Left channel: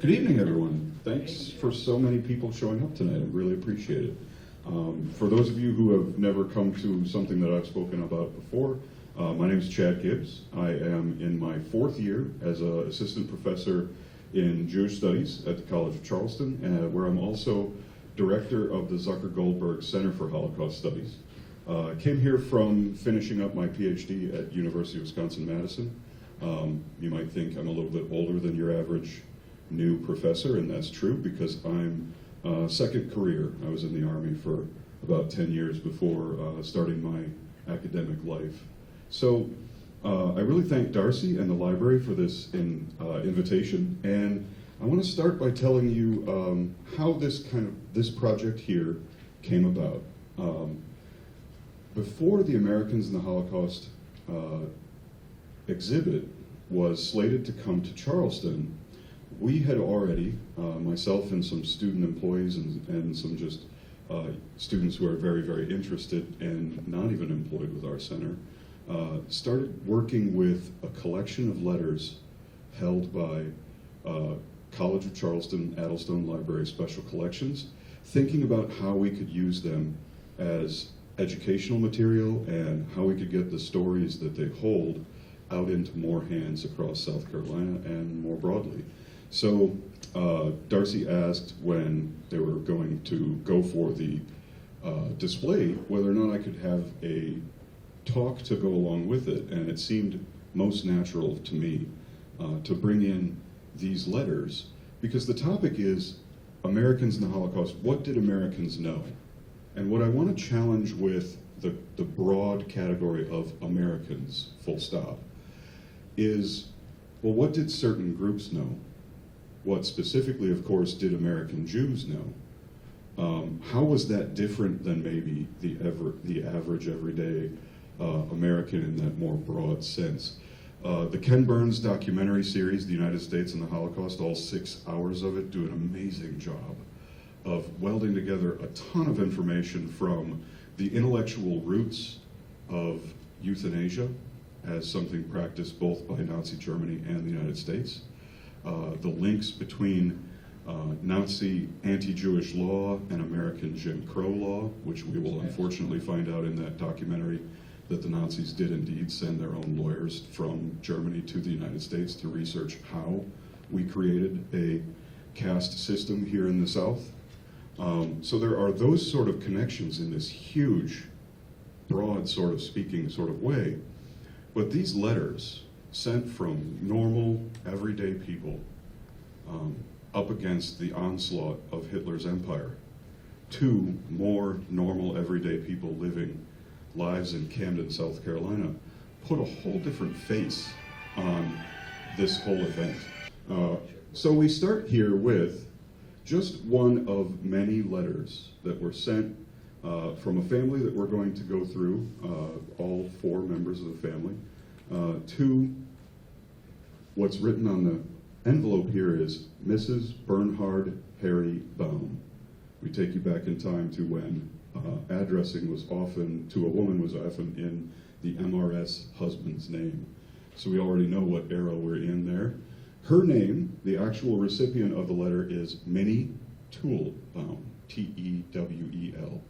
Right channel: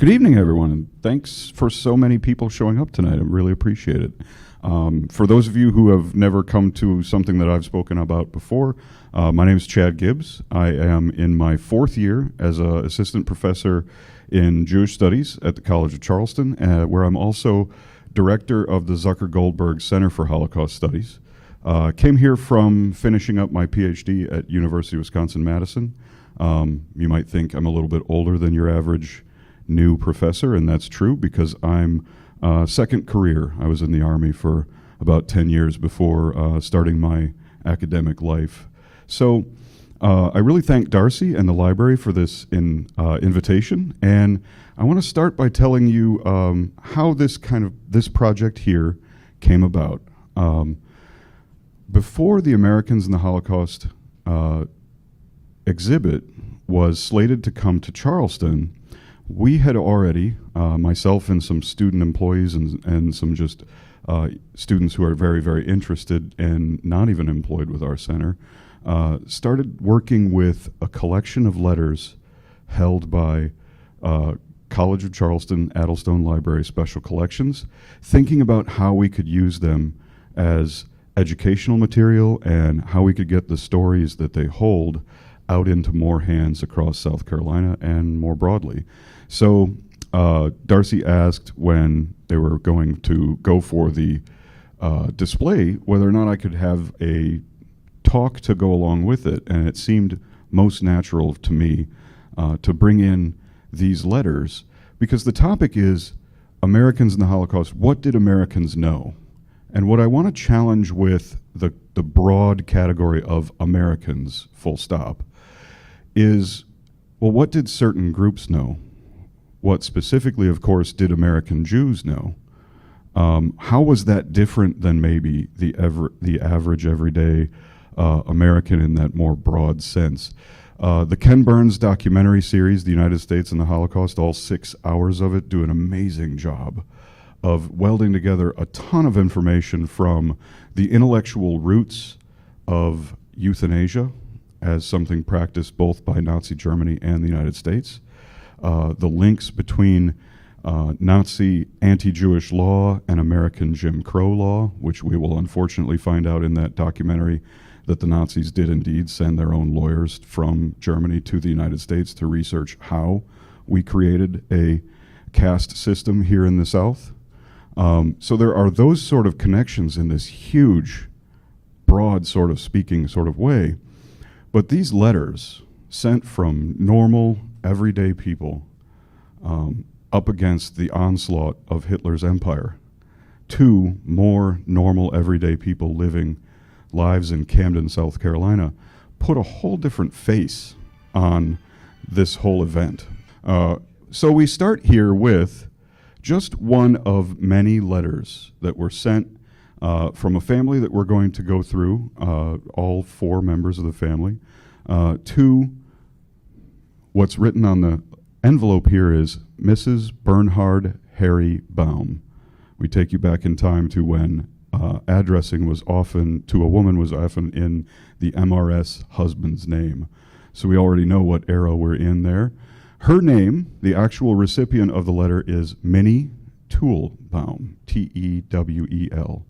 Good evening, everyone. Thanks for so many people showing up tonight. I really appreciate it. For those of you who have never come to something that I've spoken about before, my name is Chad Gibbs. I am in my 4th year as an assistant professor in Jewish Studies at the College of Charleston, where I'm also director of the Zucker Goldberg Center for Holocaust Studies. Came here from finishing up my PhD at University of Wisconsin-Madison. You might think I'm a little bit older than your average new professor, and that's true because I'm second career. I was in the Army for about 10 years before starting my academic life. So I really thank Darcy and the library for this invitation, and I want to start by telling you how this project here came about. Before the Americans in the Holocaust exhibit was slated to come to Charleston, we had already, myself and some student employees and some just students who are very, very interested and not even employed with our center, started working with a collection of letters held by College of Charleston Addlestone Library Special Collections, thinking about how we could use them as educational material and how we could get the stories that they hold out into more hands across South Carolina and more broadly. So Darcy asked when they were going to go for the display whether or not I could have a talk to go along with it, and it seemed most natural to me to bring in these letters because the topic is Americans in the Holocaust. What did Americans know? And what I want to challenge with the broad category of Americans, full stop, is, well, what did certain groups know? What specifically, of course, did American Jews know? How was that different than maybe the average everyday American in that more broad sense? The Ken Burns documentary series, The United States and the Holocaust, all 6 hours of it, do an amazing job of welding together a ton of information from the intellectual roots of euthanasia as something practiced both by Nazi Germany and the United States, the links between Nazi anti-Jewish law and American Jim Crow law, which we will unfortunately find out in that documentary that the Nazis did indeed send their own lawyers from Germany to the United States to research how we created a caste system here in the South. So there are those sort of connections in this huge, broad sort of speaking sort of way. But these letters sent from normal, everyday people up against the onslaught of Hitler's empire to more normal, everyday people living lives in Camden, South Carolina, put a whole different face on this whole event. So we start here with just one of many letters that were sent from a family that we're going to go through, all 4 members of the family, to what's written on the envelope here is Mrs. Bernhard Harry Baum. We take you back in time to when addressing was often, to a woman, was often in the MRS husband's name. So we already know what era we're in there. Her name, the actual recipient of the letter, is Minnie Toole Baum, T-E-W-E-L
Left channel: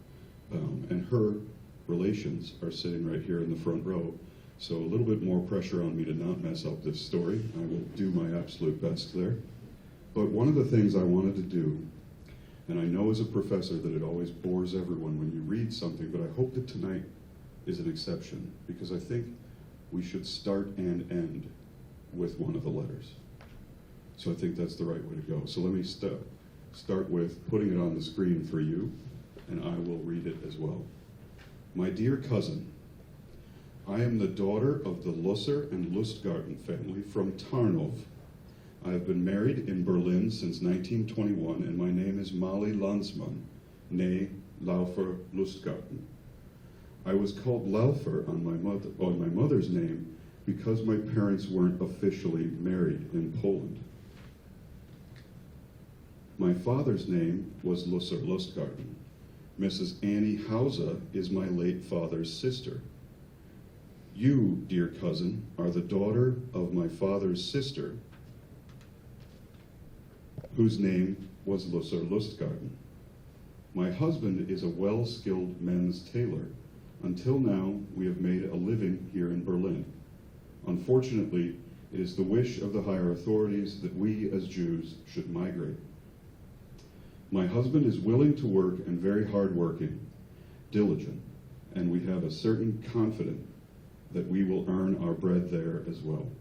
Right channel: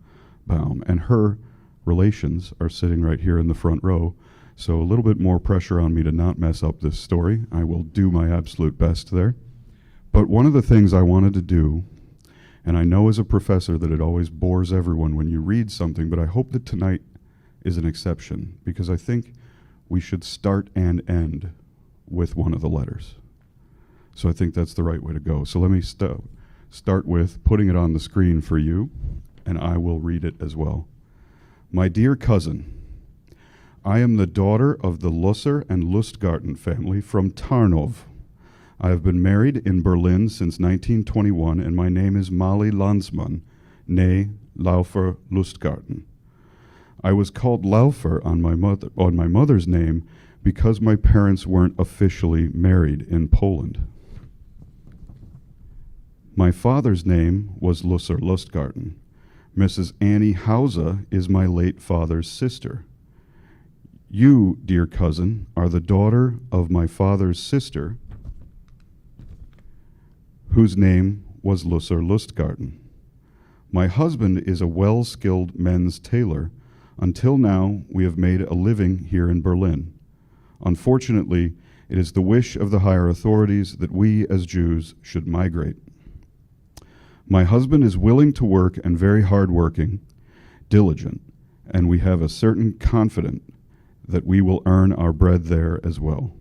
Baum, and her relations are sitting right here in the front row. So a little bit more pressure on me to not mess up this story. I will do my absolute best there. But one of the things I wanted to do, and I know as a professor that it always bores everyone when you read something, but I hope that tonight is an exception, because I think we should start and end with one of the letters. So I think that's the right way to go. So let me start with putting it on the screen for you, and I will read it as well. My dear cousin, I am the daughter of the Lusser and Lustgarten family from Tarnov. I have been married in Berlin since 1921, and my name is Molly Landsmann, née Laufer Lustgarten. I was called Laufer on my mother's name because my parents weren't officially married in Poland. My father's name was Lusser Lustgarten. Mrs. Annie Hauser is my late father's sister. You, dear cousin, are the daughter of my father's sister, whose name was Lusser Lustgarten. My husband is a well-skilled men's tailor. Until now, we have made a living here in Berlin. Unfortunately, it is the wish of the higher authorities that we as Jews should migrate. My husband is willing to work and very hard-working, diligent, and we have a certain confidence that we will earn our bread there as well.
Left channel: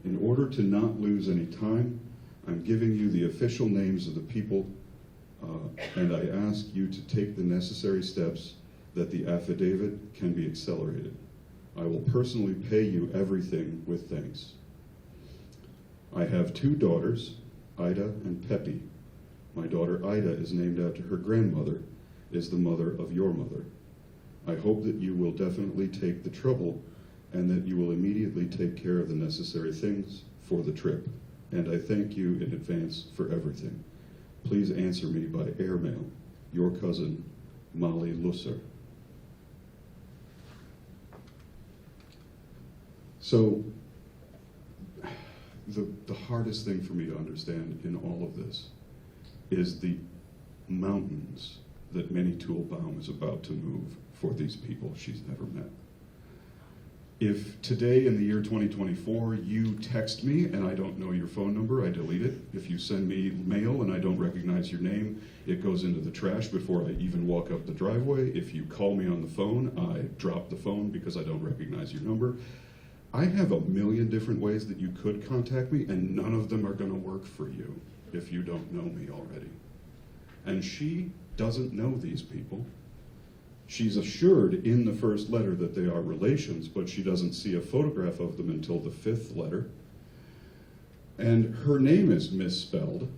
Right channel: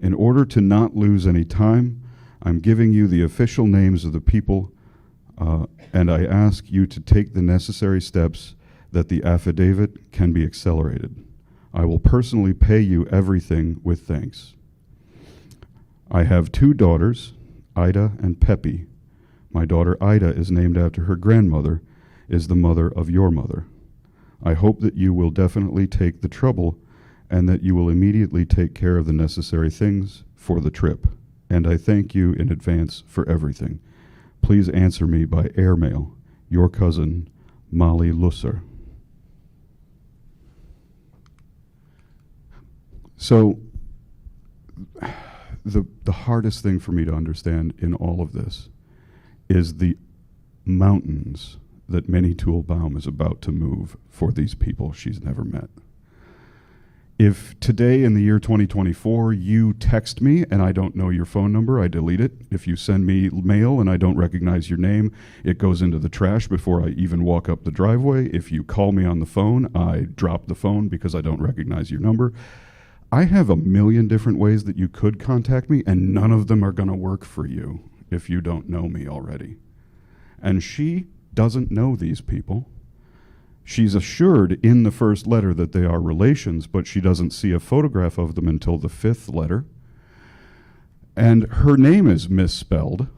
In order to not lose any time, I'm giving you the official names of the people, and I ask you to take the necessary steps that the affidavit can be accelerated. I will personally pay you everything with thanks. I have 2 daughters, Ida and Peppy. My daughter Ida is named after her grandmother, is the mother of your mother. I hope that you will definitely take the trouble and that you will immediately take care of the necessary things for the trip. And I thank you in advance for everything. Please answer me by airmail. Your cousin, Molly Lusser. So, the hardest thing for me to understand in all of this is the mountains that Minnie Toolbaum is about to move for these people she's never met. If today in the year 2024 you text me and I don't know your phone number, I delete it. If you send me mail and I don't recognize your name, it goes into the trash before I even walk up the driveway. If you call me on the phone, I drop the phone because I don't recognize your number. I have a million different ways that you could contact me, and none of them are going to work for you if you don't know me already. And she doesn't know these people. She's assured in the first letter that they are relations, but she doesn't see a photograph of them until the 5th letter. And her name is misspelled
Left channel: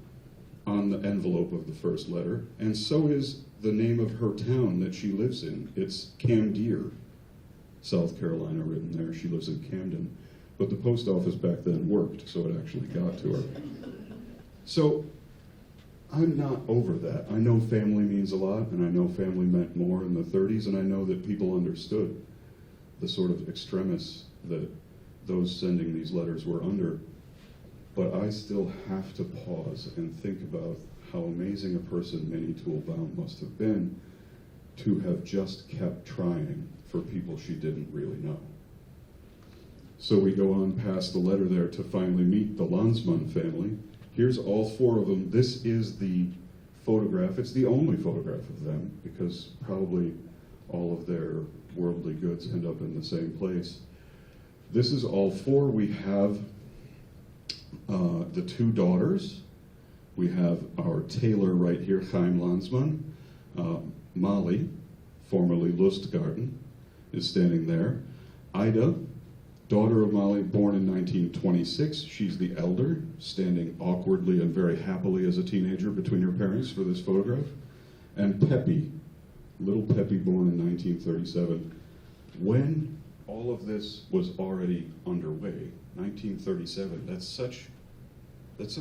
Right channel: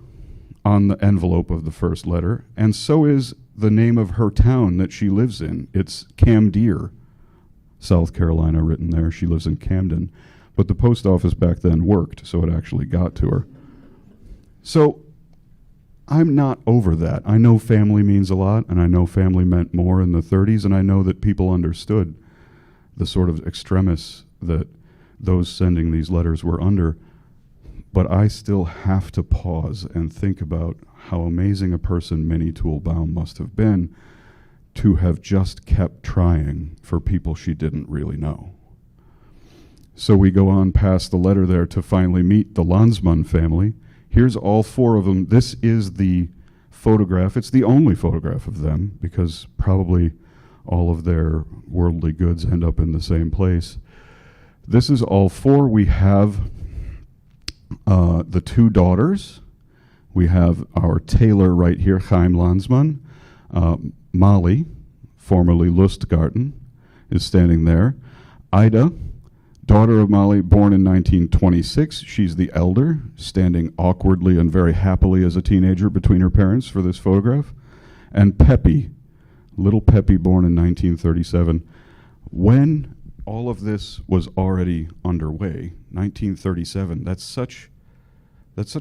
on the envelope of the first letter, and so is the name of her town that she lives in. It's Camden, South Carolina, written there. She lives in Camden. But the post office back then worked, so it actually got to her. So I'm not over that. I know family means a lot, and I know family meant more in the 30s, and I know that people understood the sort of extremis that those sending these letters were under. But I still have to pause and think about how amazing a person Minnie Toolbaum must have been to have just kept trying for people she didn't really know. So we go on past the letter there to finally meet the Landsmann family. Here's all 4 of them. This is the photograph. It's the only photograph of them because probably all of their worldly goods end up in the same place. This is all 4. We have the 2 daughters. We have our tailor right here, Chaim Landsmann. Molly, formerly Lustgarten, is standing there. Ida, daughter of Molly, born in 1926. She's the elder, standing awkwardly and very happily as a teenager between her parents for this photograph. And Peppy, little Peppy, born in 1937. When all of this was already underway, 1937, that's such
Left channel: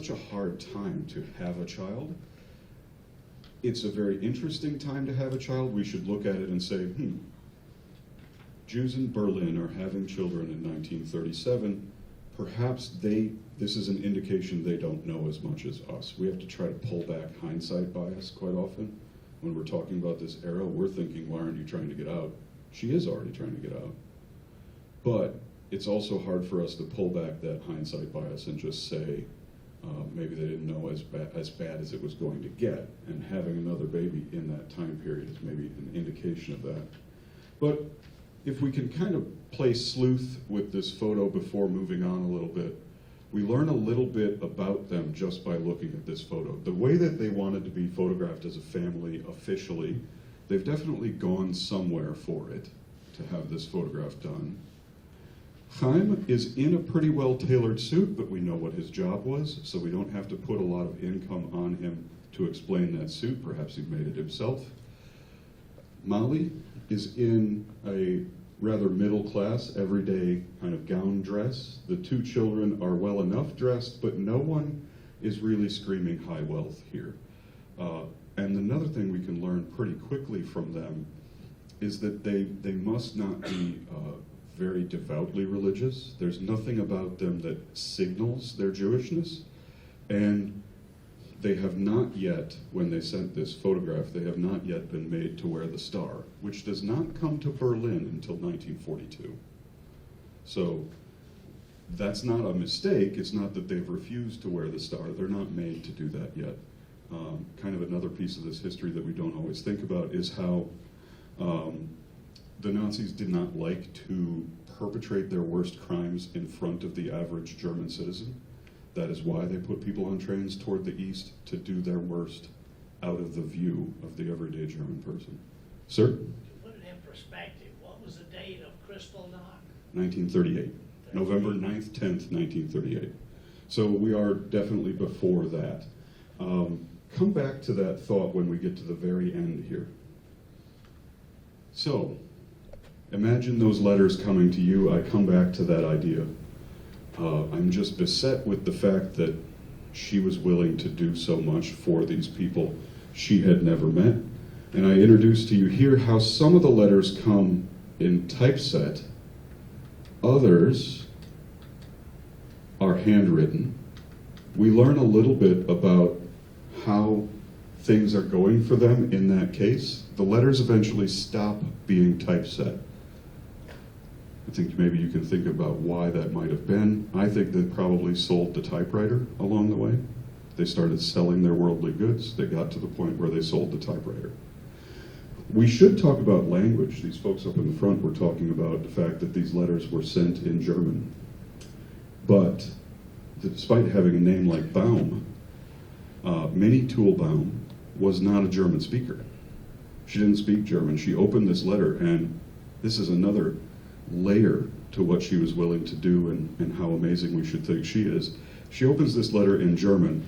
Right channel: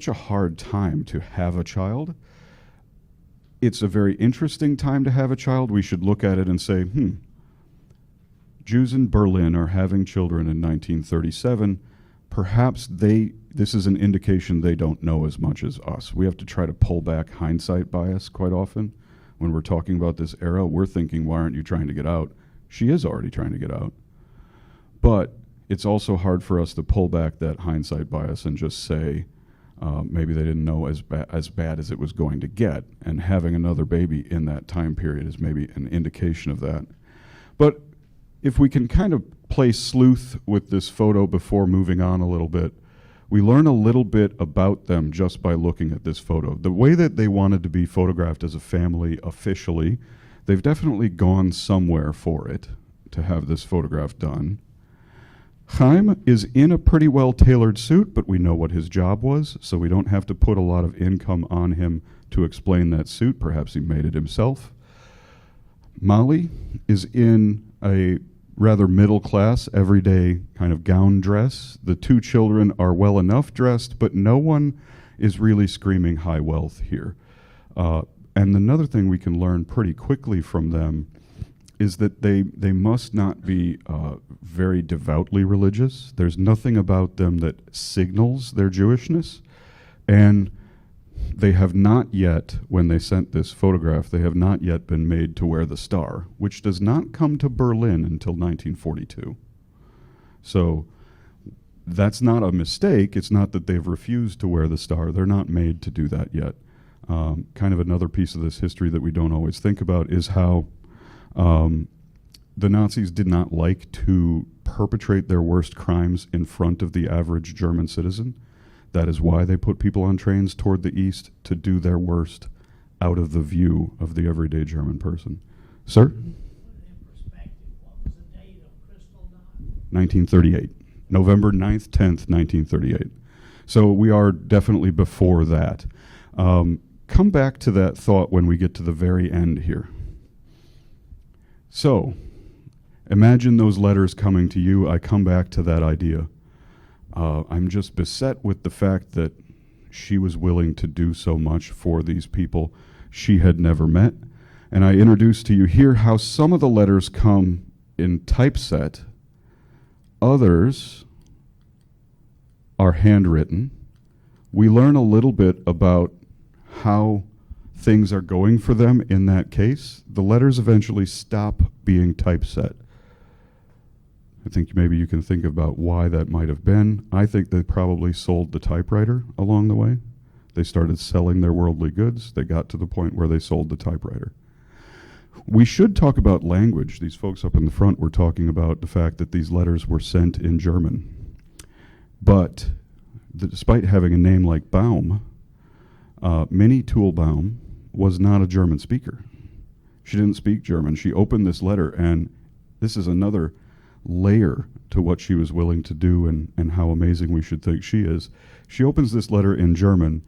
a hard time to have a child. It's a very interesting time to have a child. We should look at it and say, Jews in Berlin are having children in 1937. Perhaps this is an indication they don't know as much as us. We have to try to pull back hindsight bias quite often. When we're talking about this era, we're thinking, why aren't you trying to get out? She is already trying to get out. But it's also hard for us to pull back that hindsight bias and just say, maybe they didn't know as bad as it was going to get, and having another baby in that time period is maybe an indication of that. But if we can kind of play sleuth with this photo before moving on a little bit, we learn a little bit about them just by looking at this photo. The way that they wanted to be photographed as a family officially, they've definitely gone somewhere for it to have this photograph done. Chaim is in a pretty well-tailored suit, but we know what his job was, so we don't have to put a lot of income on him to explain that suit. Perhaps he made it himself. Molly is in a rather middle-class, everyday kind of gown dress. The 2 children are well enough dressed, but no one is really screaming high wealth here. And another thing we can learn pretty quickly from them is that they must not be very devoutly religious. There's nothing about them that signals their Jewishness. And they have not yet, when they sent this photograph, they have not yet been made to wear the star, which does not come to Berlin until 1942. So that's not a mistake. It's not that they've refused to wear the star. They're not made to do that yet. Kind of another piece of this history that we don't always think about is how the Nazis did not like to perpetrate their worst crimes in front of the average German citizen. That is why they put people on trains toward the east to do their worst out of the view of the everyday German person. Sir? Put it in perspective. What was the date of Kristallnacht? 1938. November 9th, 10th, 1938. So we are definitely before that. Come back to that thought when we get to the very end here. So, imagine those letters coming to you. I come back to that idea. I'm just beset with the fact that she was willing to do so much for these people she had never met. And I introduce to you here how some of the letters come in typeset. Others are handwritten. We learn a little bit about how things are going for them in that case. The letters eventually stop being typeset. I think maybe you can think about why that might have been. I think they probably sold the typewriter along the way. They started selling their worldly goods. They got to the point where they sold the typewriter. We should talk about language. These folks up in the front were talking about the fact that these letters were sent in German. But despite having a name like Baum, Minnie Toolbaum was not a German speaker. She didn't speak German. She opened this letter, and this is another layer to what she was willing to do and how amazing we should think she is. She opens this letter in German,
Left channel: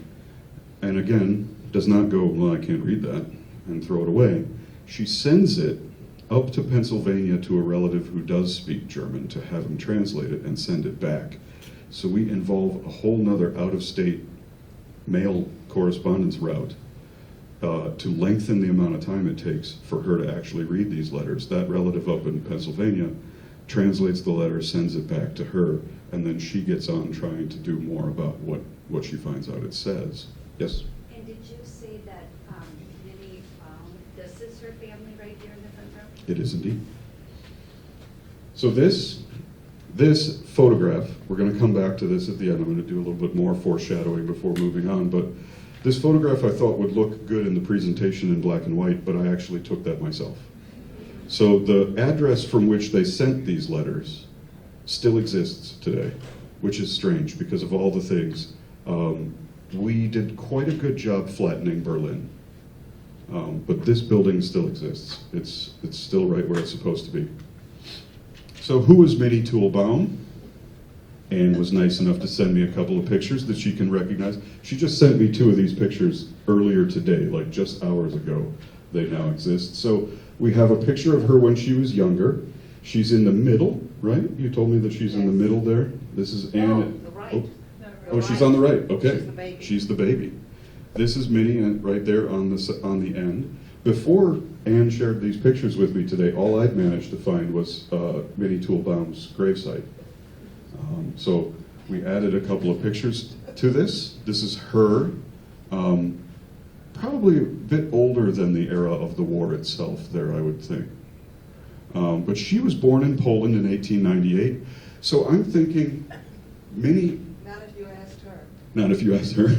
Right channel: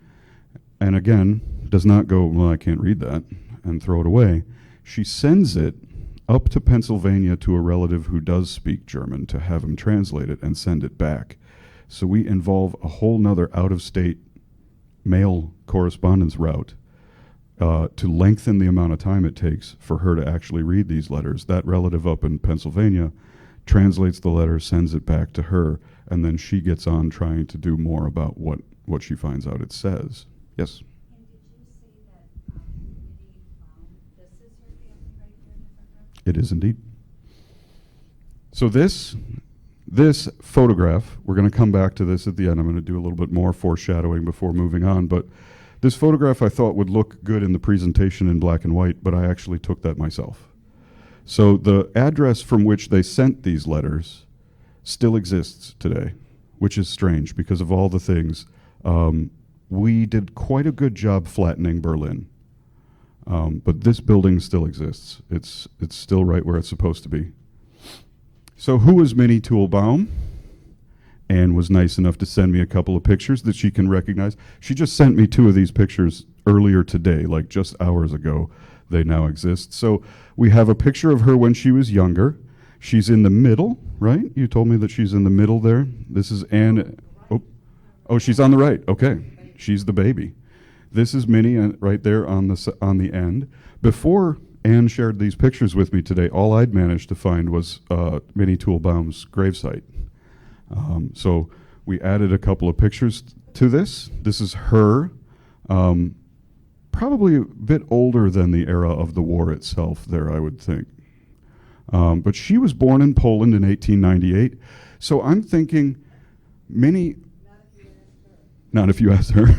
and again, does not go, well, I can't read that, and throw it away. She sends it up to Pennsylvania to a relative who does speak German to have him translate it and send it back. So we involve a whole nother out-of-state mail correspondence route to lengthen the amount of time it takes for her to actually read these letters. That relative up in Pennsylvania translates the letter, sends it back to her, and then she gets on trying to do more about what she finds out it says. Yes? And did you say that Minnie found, this is her family right here in the front row? It is indeed. So this photograph, we're going to come back to this at the end. I'm going to do a little bit more foreshadowing before moving on, but this photograph I thought would look good in the presentation in black and white, but I actually took that myself. So the address from which they sent these letters still exists today, which is strange because of all the things. We did quite a good job flattening Berlin, but this building still exists. It's still right where it's supposed to be. So who is Minnie Toolbaum? Anne was nice enough to send me a couple of pictures that she can recognize. She just sent me 2 of these pictures earlier today, like just hours ago. They now exist. So we have a picture of her when she was younger. She's in the middle, right? You told me that she's in the middle there. This is Anne. Right. Oh, she's on the right. Okay, she's the baby. This is Minnie right there on the end. Before Anne shared these pictures with me today, all I'd managed to find was Minnie Toolbaum's gravesite. So we added a couple of pictures to this. This is her, probably a bit older than the era of the war itself there, I would think. But she was born in Poland in 1898. So I'm thinking, Minnie... Not if you asked her. Not if you asked her.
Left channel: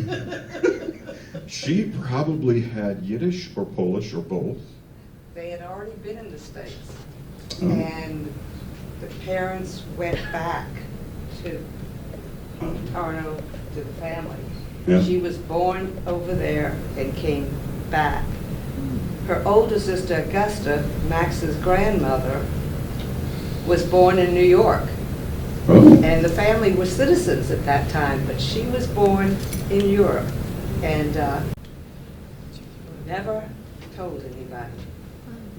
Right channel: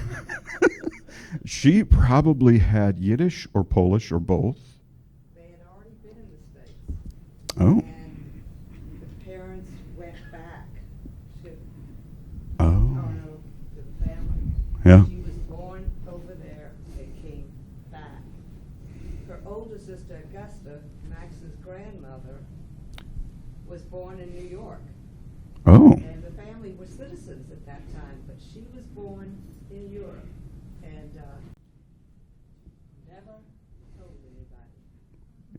She probably had Yiddish or Polish or both. They had already been in the States. Oh. And the parents went back to Tarno, to the family. Yeah. She was born over there and came back. Her older sister, Augusta, Max's grandmother, was born in New York. Oh. And the family were citizens at that time, but she was born in Europe and never told anybody.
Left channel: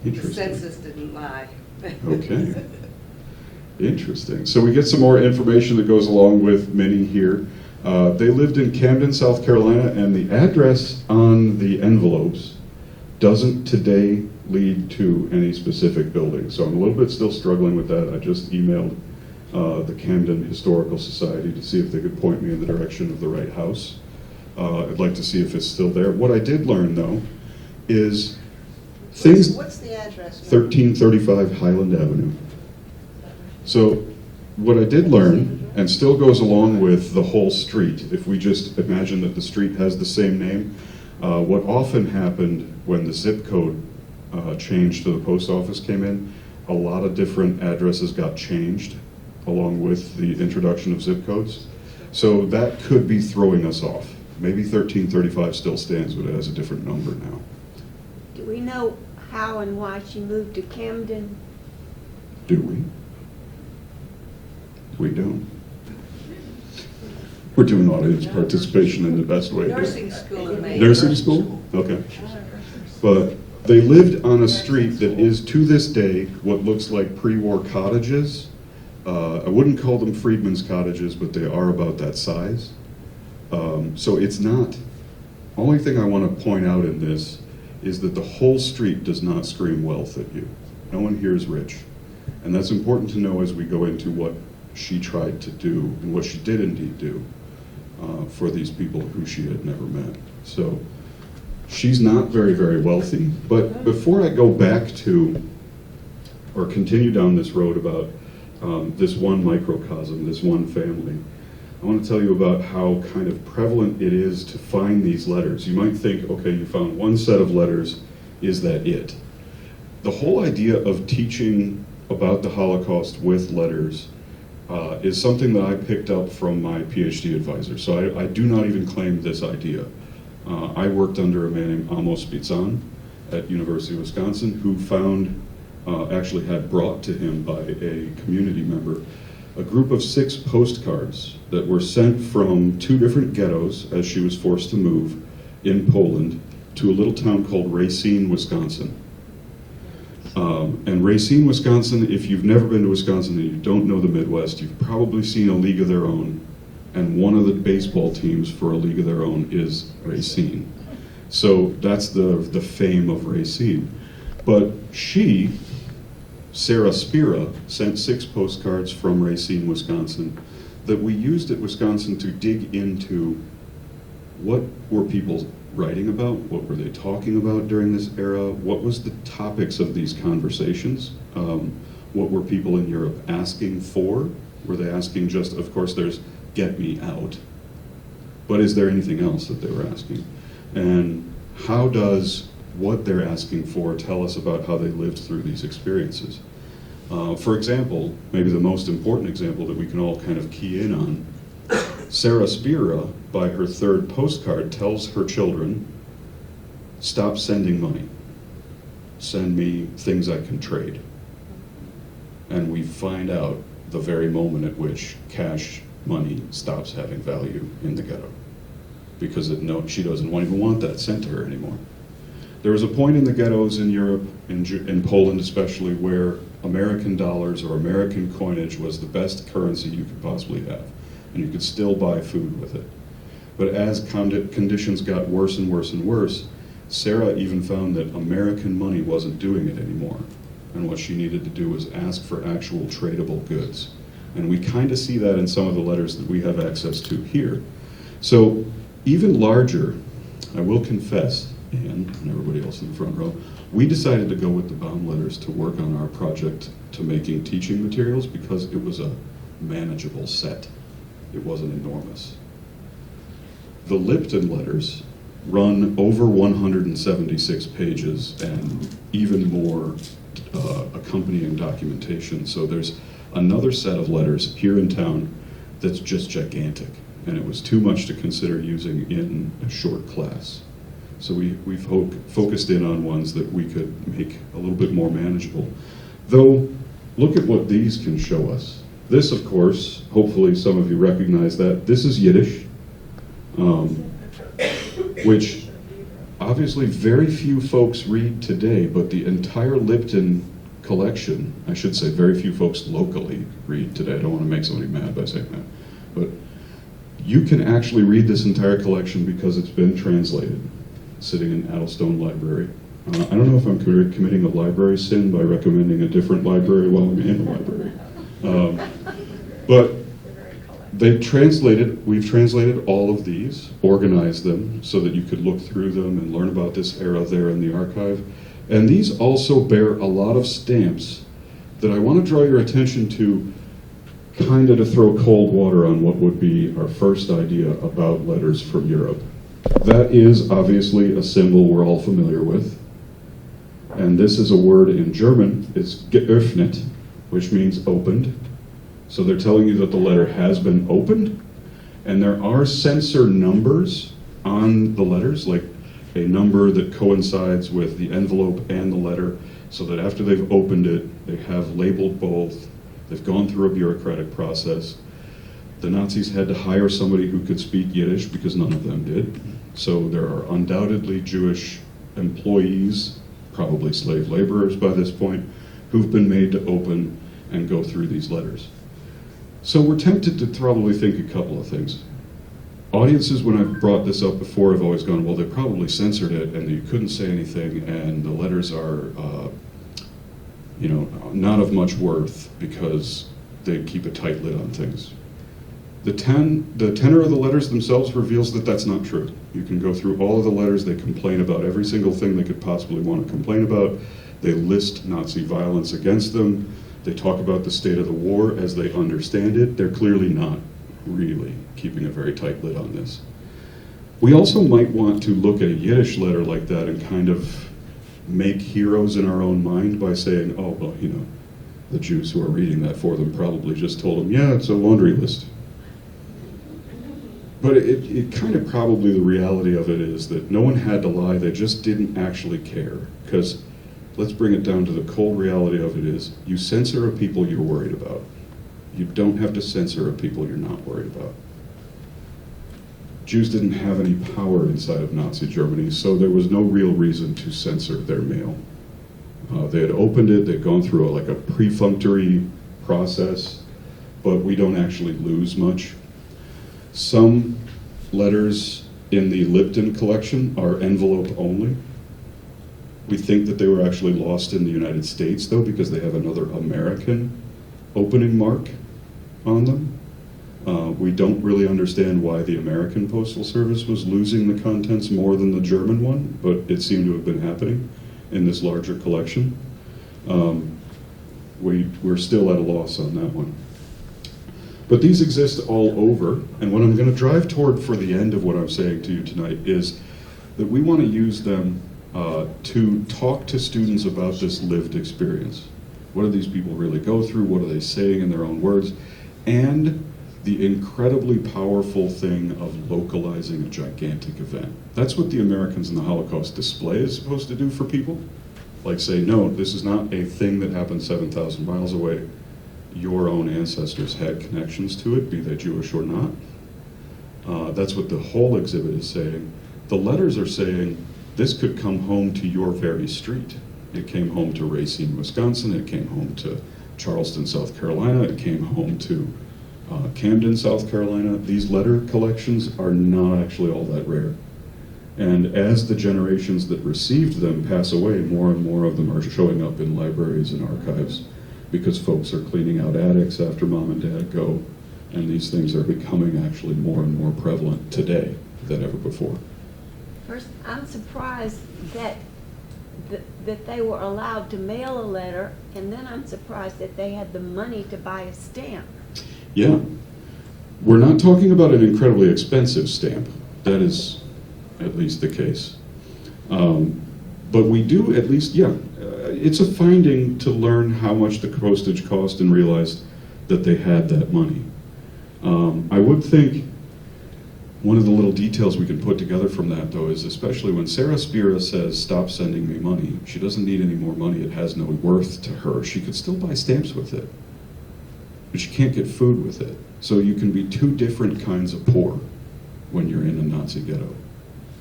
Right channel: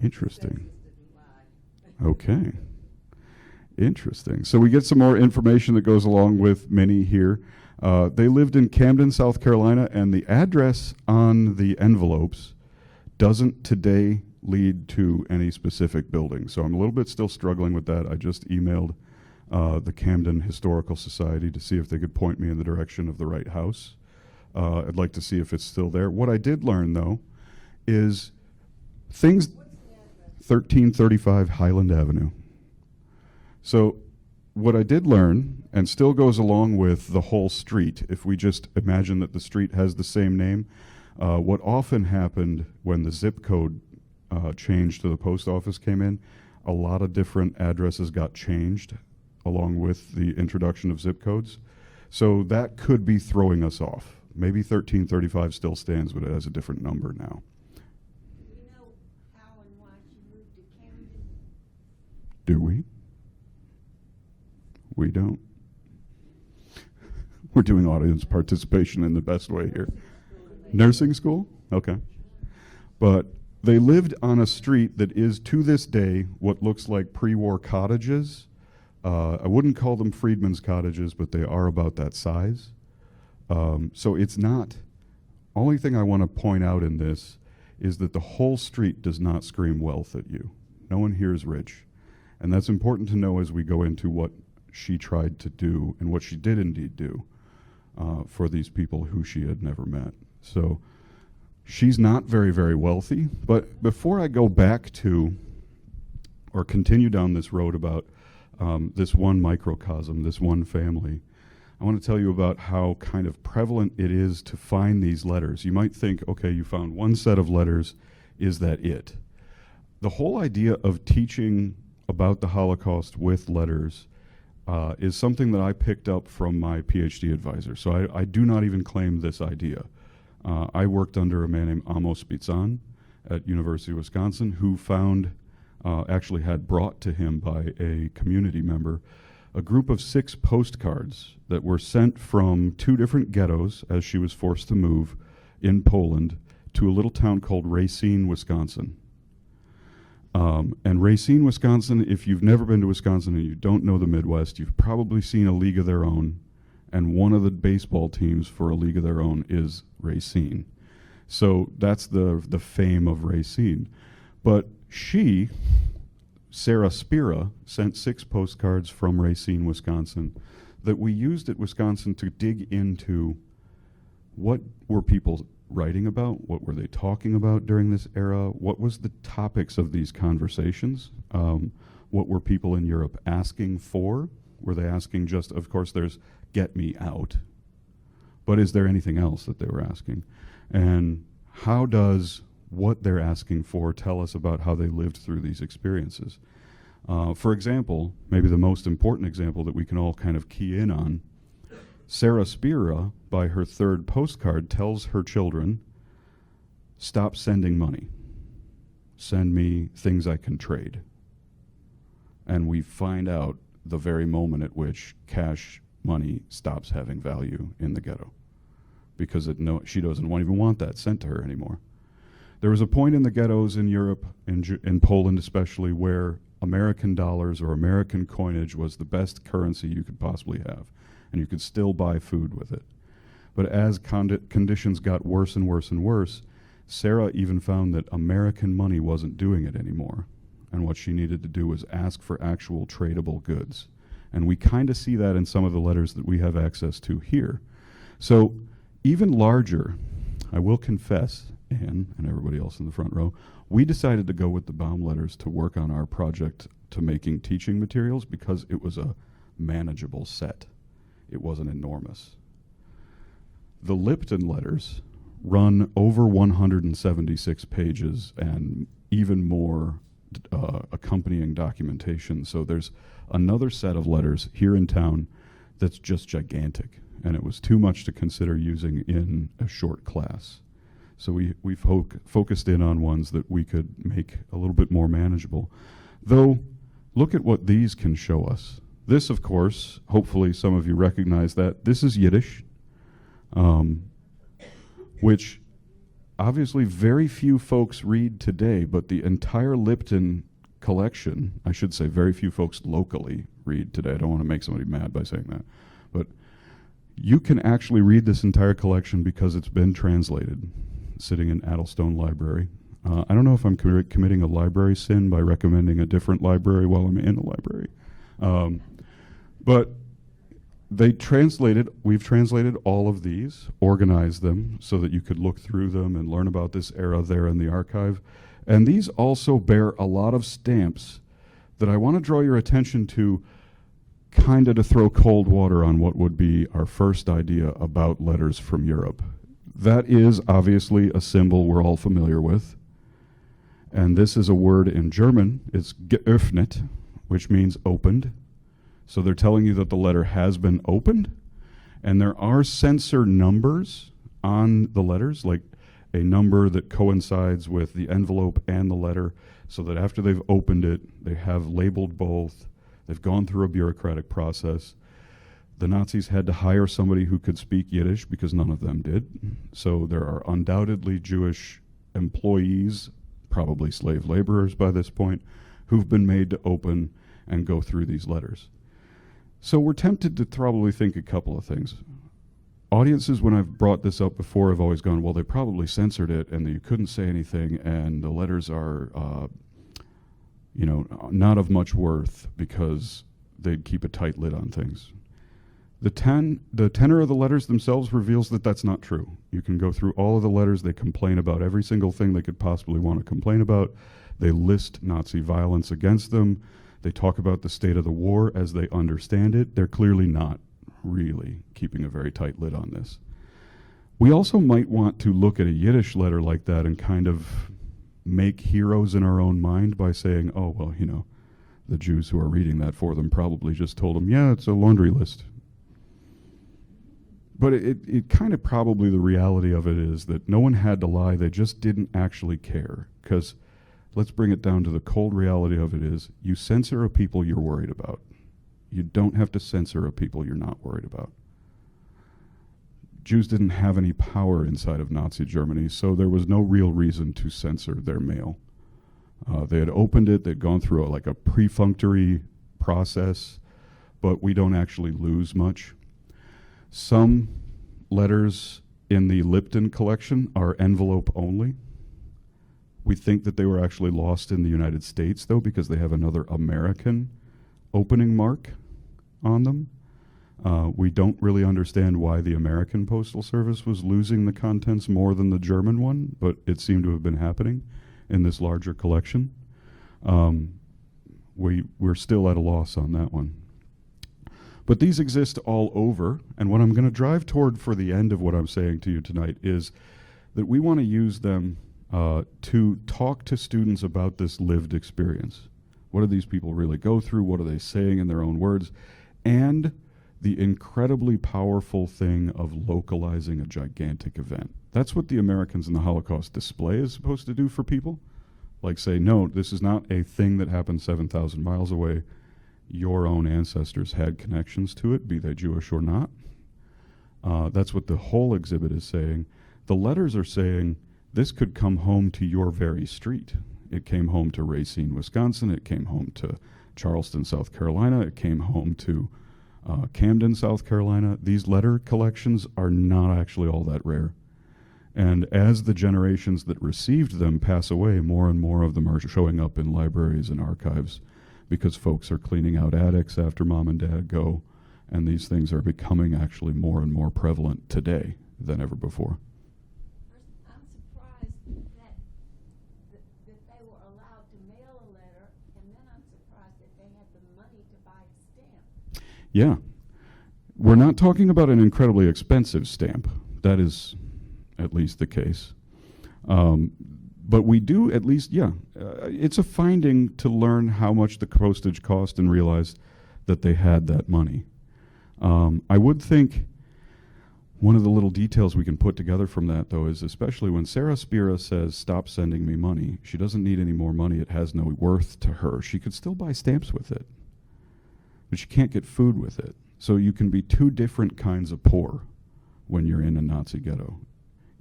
The Interesting. census didn't lie. Okay. Interesting. So we get some more information that goes along with Minnie here. They lived in Camden, South Carolina, and the address on the envelopes doesn't today lead to any specific building. So I'm a little bit still struggling with that. I just emailed the Camden Historical Society to see if they could point me in the direction of the right house. I'd like to see if it's still there. What I did learn, though, is things... What's the address? 1335 Highland Avenue. So what I did learn, and still goes along with the whole street, if we just imagine that the street has the same name, what often happened when the zip code change to the post office came in, a lot of different addresses got changed along with the introduction of zip codes. So that could be throwing us off. Maybe 1335 still stands, but it has a different number now. Do we know how and why she moved to Camden? Do we? We don't. We're doing audience participation in the best way. Nursing school in Maine. Nursing school? Okay. But they lived on a street that is, to this day, what looks like pre-war cottages. I wouldn't call them freedmen's cottages, but they are about that size. So it's not, only thing I want to point out in this is that the whole street does not scream wealth at you. No one here is rich. And that's important to know as we go into what she tried to do and what she did indeed do for these people who she had never met. So she's not very, very wealthy. But before I go back to, or continue down this road about this one microcosm, this one family, I want to tell you about how kind of prevalent it is to find these letters. You might think, okay, you found one set of letters, is that it? The whole idea of teaching about the Holocaust with letters is something that I picked up from my PhD advisor. So I do not even claim this idea. I worked under a man named Amos Spitzan at University of Wisconsin, who found, actually had brought to him by a community member, a group of 6 postcards that were sent from 2 different ghettos as she was forced to move in Poland to a little town called Racine, Wisconsin. And Racine, Wisconsin, if you've never been to Wisconsin and you don't know the Midwest, you've probably seen a League of Their Own, and one of the baseball teams for a League of Their Own is Racine. So that's the fame of Racine. But she, Sarah Spira, sent 6 postcards from Racine, Wisconsin, that we used at Wisconsin to dig into what were people writing about, what were they talking about during this era, what was the topics of these conversations, what were people in Europe asking for, were they asking just, of course there's get me out, but is there anything else that they were asking? And how does what they're asking for tell us about how they lived through these experiences? For example, maybe the most important example that we can all kind of key in on, Sarah Spira, by her 3rd postcard, tells her children, stop sending money. Send me things I can trade. And we find out the very moment at which cash money stops having value in the ghetto. Because she doesn't even want that sent to her anymore. There was a point in the ghettos in Europe, in Poland especially, where American dollars or American coinage was the best currency you could possibly have. And you could still buy food with it. But as conditions got worse and worse and worse, Sarah even found that American money wasn't doing it anymore. And what she needed to do was ask for actual tradable goods. And we kind of see that in some of the letters that we have access to here. So even larger, I will confess, Anne and everybody else in the front row, we decided to go with the Baum letters to work on our project to making teaching materials because it was a manageable set. It wasn't enormous. The Lipton letters run over 176 pages and even more accompanying documentation. So there's another set of letters here in town that's just gigantic, and it was too much to consider using in a short class. So we focused in on ones that we could make a little bit more manageable. Though, look at what these can show us. This, of course, hopefully some of you recognize that. This is Yiddish, which obviously very few folks read today, but the entire Lipton collection, I should say very few folks locally read today. I don't want to make somebody mad by saying that. But you can actually read this entire collection because it's been translated, sitting in Addlestone Library. I don't know if I'm committing a library sin by recommending a different library while I'm in the library. But we've translated all of these, organized them so that you could look through them and learn about this era there in the archive. And these also bear a lot of stamps that I want to draw your attention to, kind of to throw cold water on what would be our first idea about letters from Europe. That is obviously a symbol we're all familiar with. And this is a word in German. It's geöffnet, which means opened. So they're telling you that the letter has been opened. And there are censor numbers on the letters, like a number that coincides with the envelope and the letter, so that after they've opened it, they have labeled both. They've gone through a bureaucratic process. The Nazis had to hire somebody who could speak Yiddish because none of them did. So there are undoubtedly Jewish employees, probably slave laborers by this point, who've been made to open and go through these letters. So we're tempted to probably think a couple of things. Audiences, when I've brought this up before, have always gone, well, they probably censored it and you couldn't say anything, and the letters are not of much worth because they keep a tight lid on things. The tenor of the letters themselves reveals that that's not true. You can go through all of the letters. They complain about every single thing they could possibly want to complain about. They list Nazi violence against them. They talk about the state of the war as they understand it. They're clearly not really keeping a very tight lid on this. We also might want to look at a Yiddish letter like that and kind of make heroes in our own mind by saying, oh, well, the Jews who are reading that for them probably just told them, yeah, it's a laundry list. But it kind of probably the reality of it is that no one had to lie, they just didn't actually care. Because let's bring it down to the cold reality of it is, you censor a people you're worried about. You don't have to censor a people you're not worried about. Jews didn't have any power inside of Nazi Germany, so there was no real reason to censor their mail. They had opened it, they'd gone through a perfunctory process, but we don't actually lose much. Some letters in the Lipton collection are envelope only. We think that they were actually lost in the United States, though, because they have another American opening mark on them. We don't really understand why the American Postal Service was losing the contents more than the German one, but it seemed to have been happening in this larger collection. We're still at a loss on that one. But these exist all over, and what I'm going to drive toward for the end of what I'm saying to you tonight is that we want to use them to talk to students about this lived experience. What do these people really go through? What are they saying in their own words? And the incredibly powerful thing of localizing a gigantic event. That's what the Americans in the Holocaust display is supposed to do for people. Like say, no, this is not a thing that happened 7,000 miles away. Your own ancestors had connections to it, be they Jewish or not. That's what the whole exhibit is saying. The letters are saying, this could come home to your very street. It came home to Racine, Wisconsin. It came home to Charleston, South Carolina. It came home to Camden, South Carolina. These letter collections are not actually all that rare. And as the generations that received them pass away, more and more of them are showing up in libraries and archives because folks are cleaning out attics after mom and dad go, and these things are becoming actually more and more prevalent today than ever before. First, I'm surprised that they were allowed to mail a letter, and then I'm surprised that they had the money to buy a stamp. Yeah. We're not talking about an incredibly expensive stamp. That is at least the case. But we do at least, it's a finding to learn how much the postage cost and realize that they had that money. I would think one of the little details we can put together from that, though, is especially when Sarah Spira says, stop sending me money, she doesn't need any more money, it has no worth to her. She could still buy stamps with it, but she can't get food with it. So you can be two different kinds of poor when you're in a Nazi ghetto.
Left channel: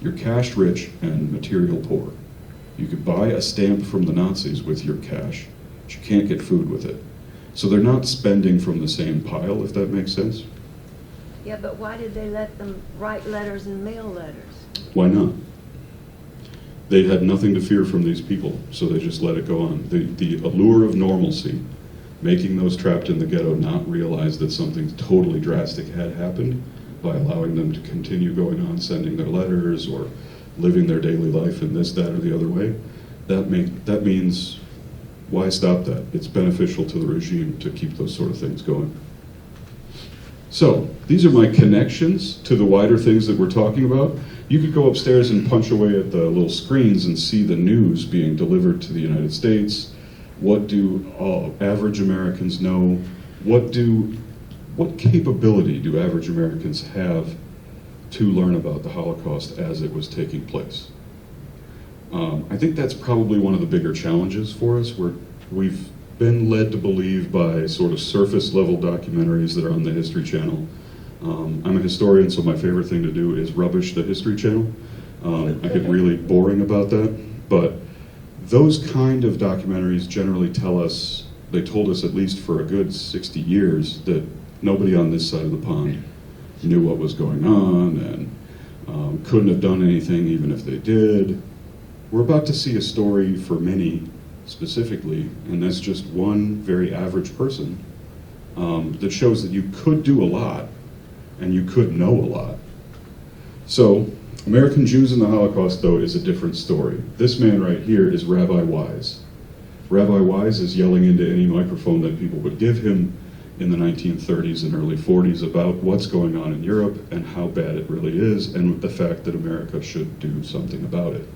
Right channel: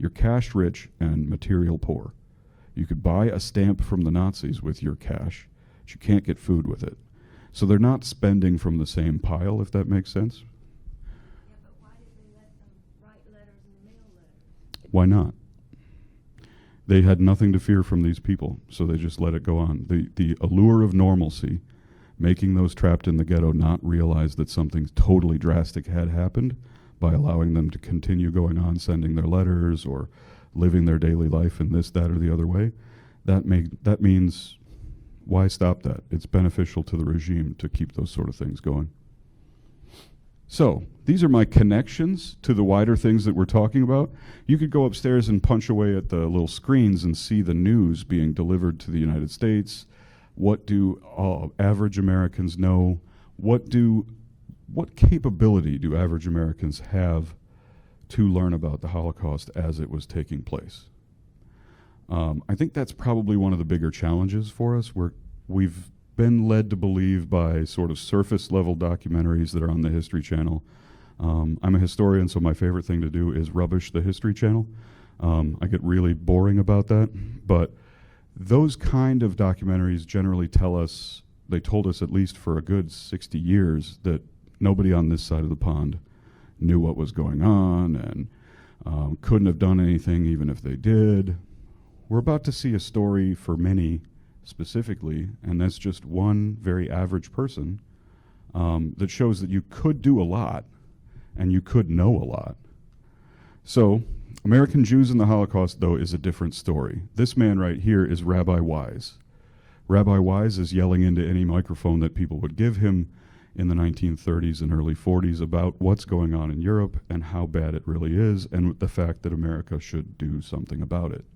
You're cash rich and material poor. You could buy a stamp from the Nazis with your cash, but you can't get food with it. So they're not spending from the same pile, if that makes sense. Yeah, but why did they let them write letters and mail letters? Why not? They had nothing to fear from these people, so they just let it go on. The allure of normalcy making those trapped in the ghetto not realize that something totally drastic had happened by allowing them to continue going on sending their letters or living their daily life in this, that, or the other way. That means, why stop that? It's beneficial to the regime to keep those sort of things going. So, these are my connections to the wider things that we're talking about. You could go upstairs and punch away at the little screens and see the news being delivered to the United States. What do average Americans know? What capability do average Americans have to learn about the Holocaust as it was taking place? I think that's probably one of the bigger challenges for us. We've been led to believe by sort of surface level documentaries that are on the History Channel. I'm a historian, so my favorite thing to do is rubbish the History Channel. I get really boring about that, but those kind of documentaries generally they told us at least for a good 60 years that nobody on this side of the pond knew what was going on and couldn't have done anything even if they did. We're about to see a story for many specifically, and that's just one very average person that shows that you could do a lot and you could know a lot. So, American Jews in the Holocaust, though, is a different story. This man right here is Rabbi Wise. Rabbi Wise is yelling into any microphone that people would give him in the 1930s and early 40s about what's going on in Europe and how bad it really is, and the fact that America should do something about it.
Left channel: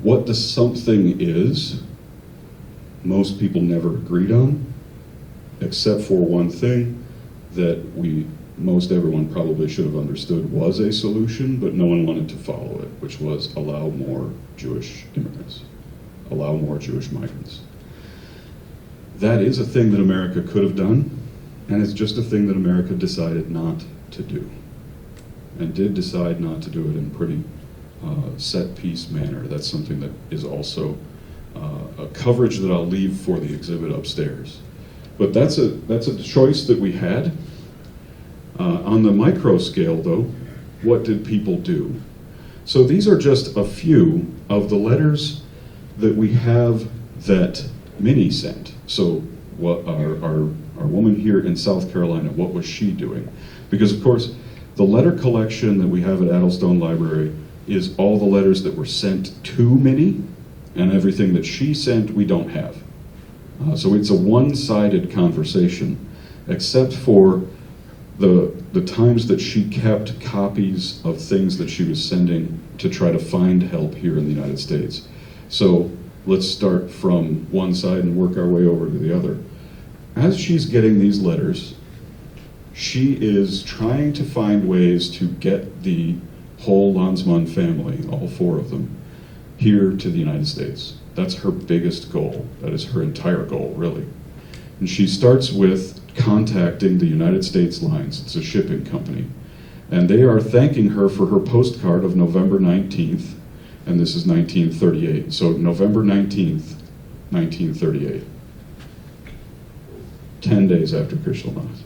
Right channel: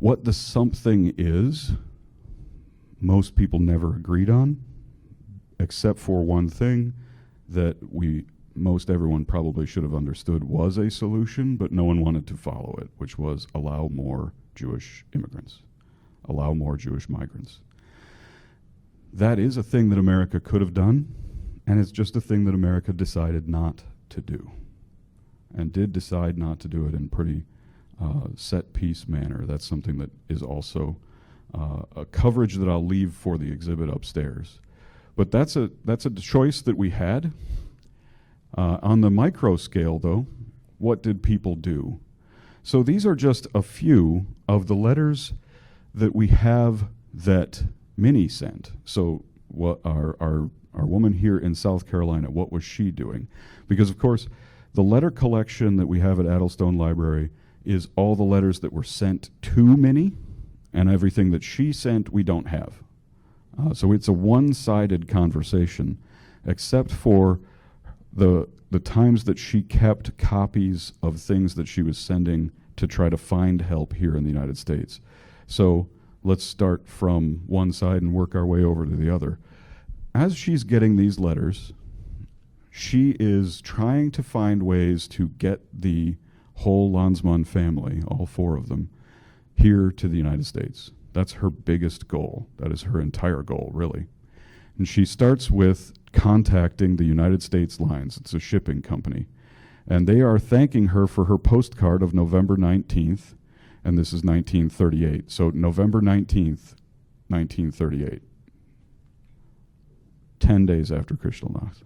What the something is, most people never agreed on, except for one thing that most everyone probably should have understood was a solution, but no one wanted to follow it, which was allow more Jewish immigrants, allow more Jewish migrants. That is a thing that America could have done, and it's just a thing that America decided not to do, and did decide not to do it in pretty set piece manner. That's something that is also a coverage that I'll leave for the exhibit upstairs. But that's a choice that we had. On the micro scale, though, what did people do? So these are just a few of the letters that we have that Minnie sent. So what our woman here in South Carolina, what was she doing? Because, of course, the letter collection that we have at Addlestone Library is all the letters that were sent to Minnie, and everything that she sent we don't have. So it's a one-sided conversation, except for the times that she kept copies of things that she was sending to try to find help here in the United States. So let's start from one side and work our way over to the other. As she's getting these letters, she is trying to find ways to get the whole Landsmann family, all four of them, here to the United States. That's her biggest goal. That is her entire goal, really. And she starts with contacting the United States Lines. It's a shipping company. And they are thanking her for her postcard of November 19th, and this is 1938. So November 19th, 1938. 10 days after Kristallnacht.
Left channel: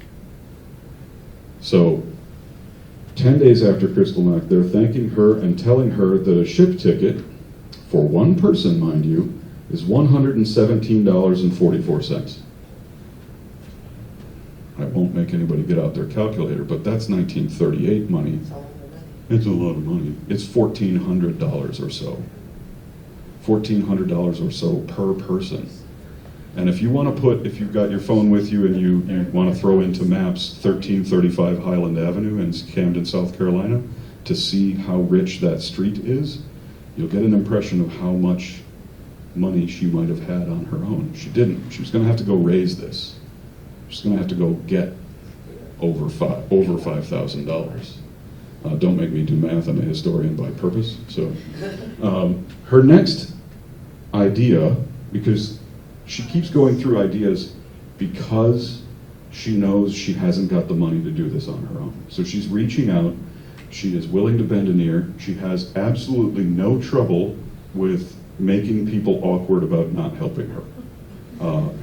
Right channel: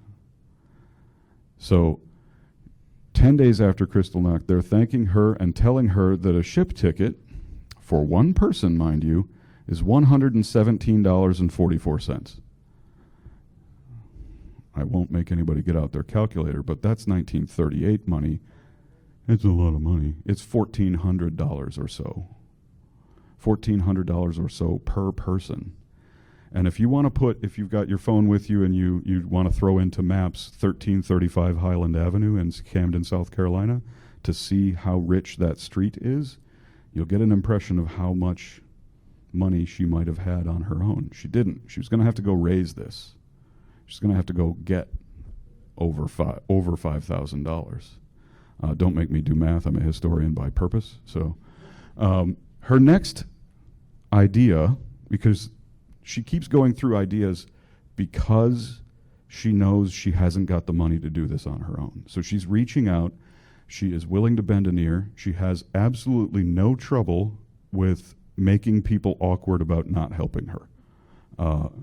So 10 days after Kristallnacht, they're thanking her and telling her that a ship ticket, for one person, mind you, is $117.44. I won't make anybody get out their calculator, but that's 1938 money. It's a lot of money. It's $1,400 or so. $1,400 or so per person. And if you want to if you've got your phone with you and you want to throw into maps 1335 Highland Avenue in Camden, South Carolina, to see how rich that street is, you'll get an impression of how much money she might have had on her own. She didn't. She was going to have to go raise this. She's going to have to go get over $5,000. Don't make me do math. I'm a historian by purpose. So her next idea, because she keeps going through ideas because she knows she hasn't got the money to do this on her own. So she's reaching out. She is willing to bend an ear. She has absolutely no trouble with making people awkward about not helping her. I'll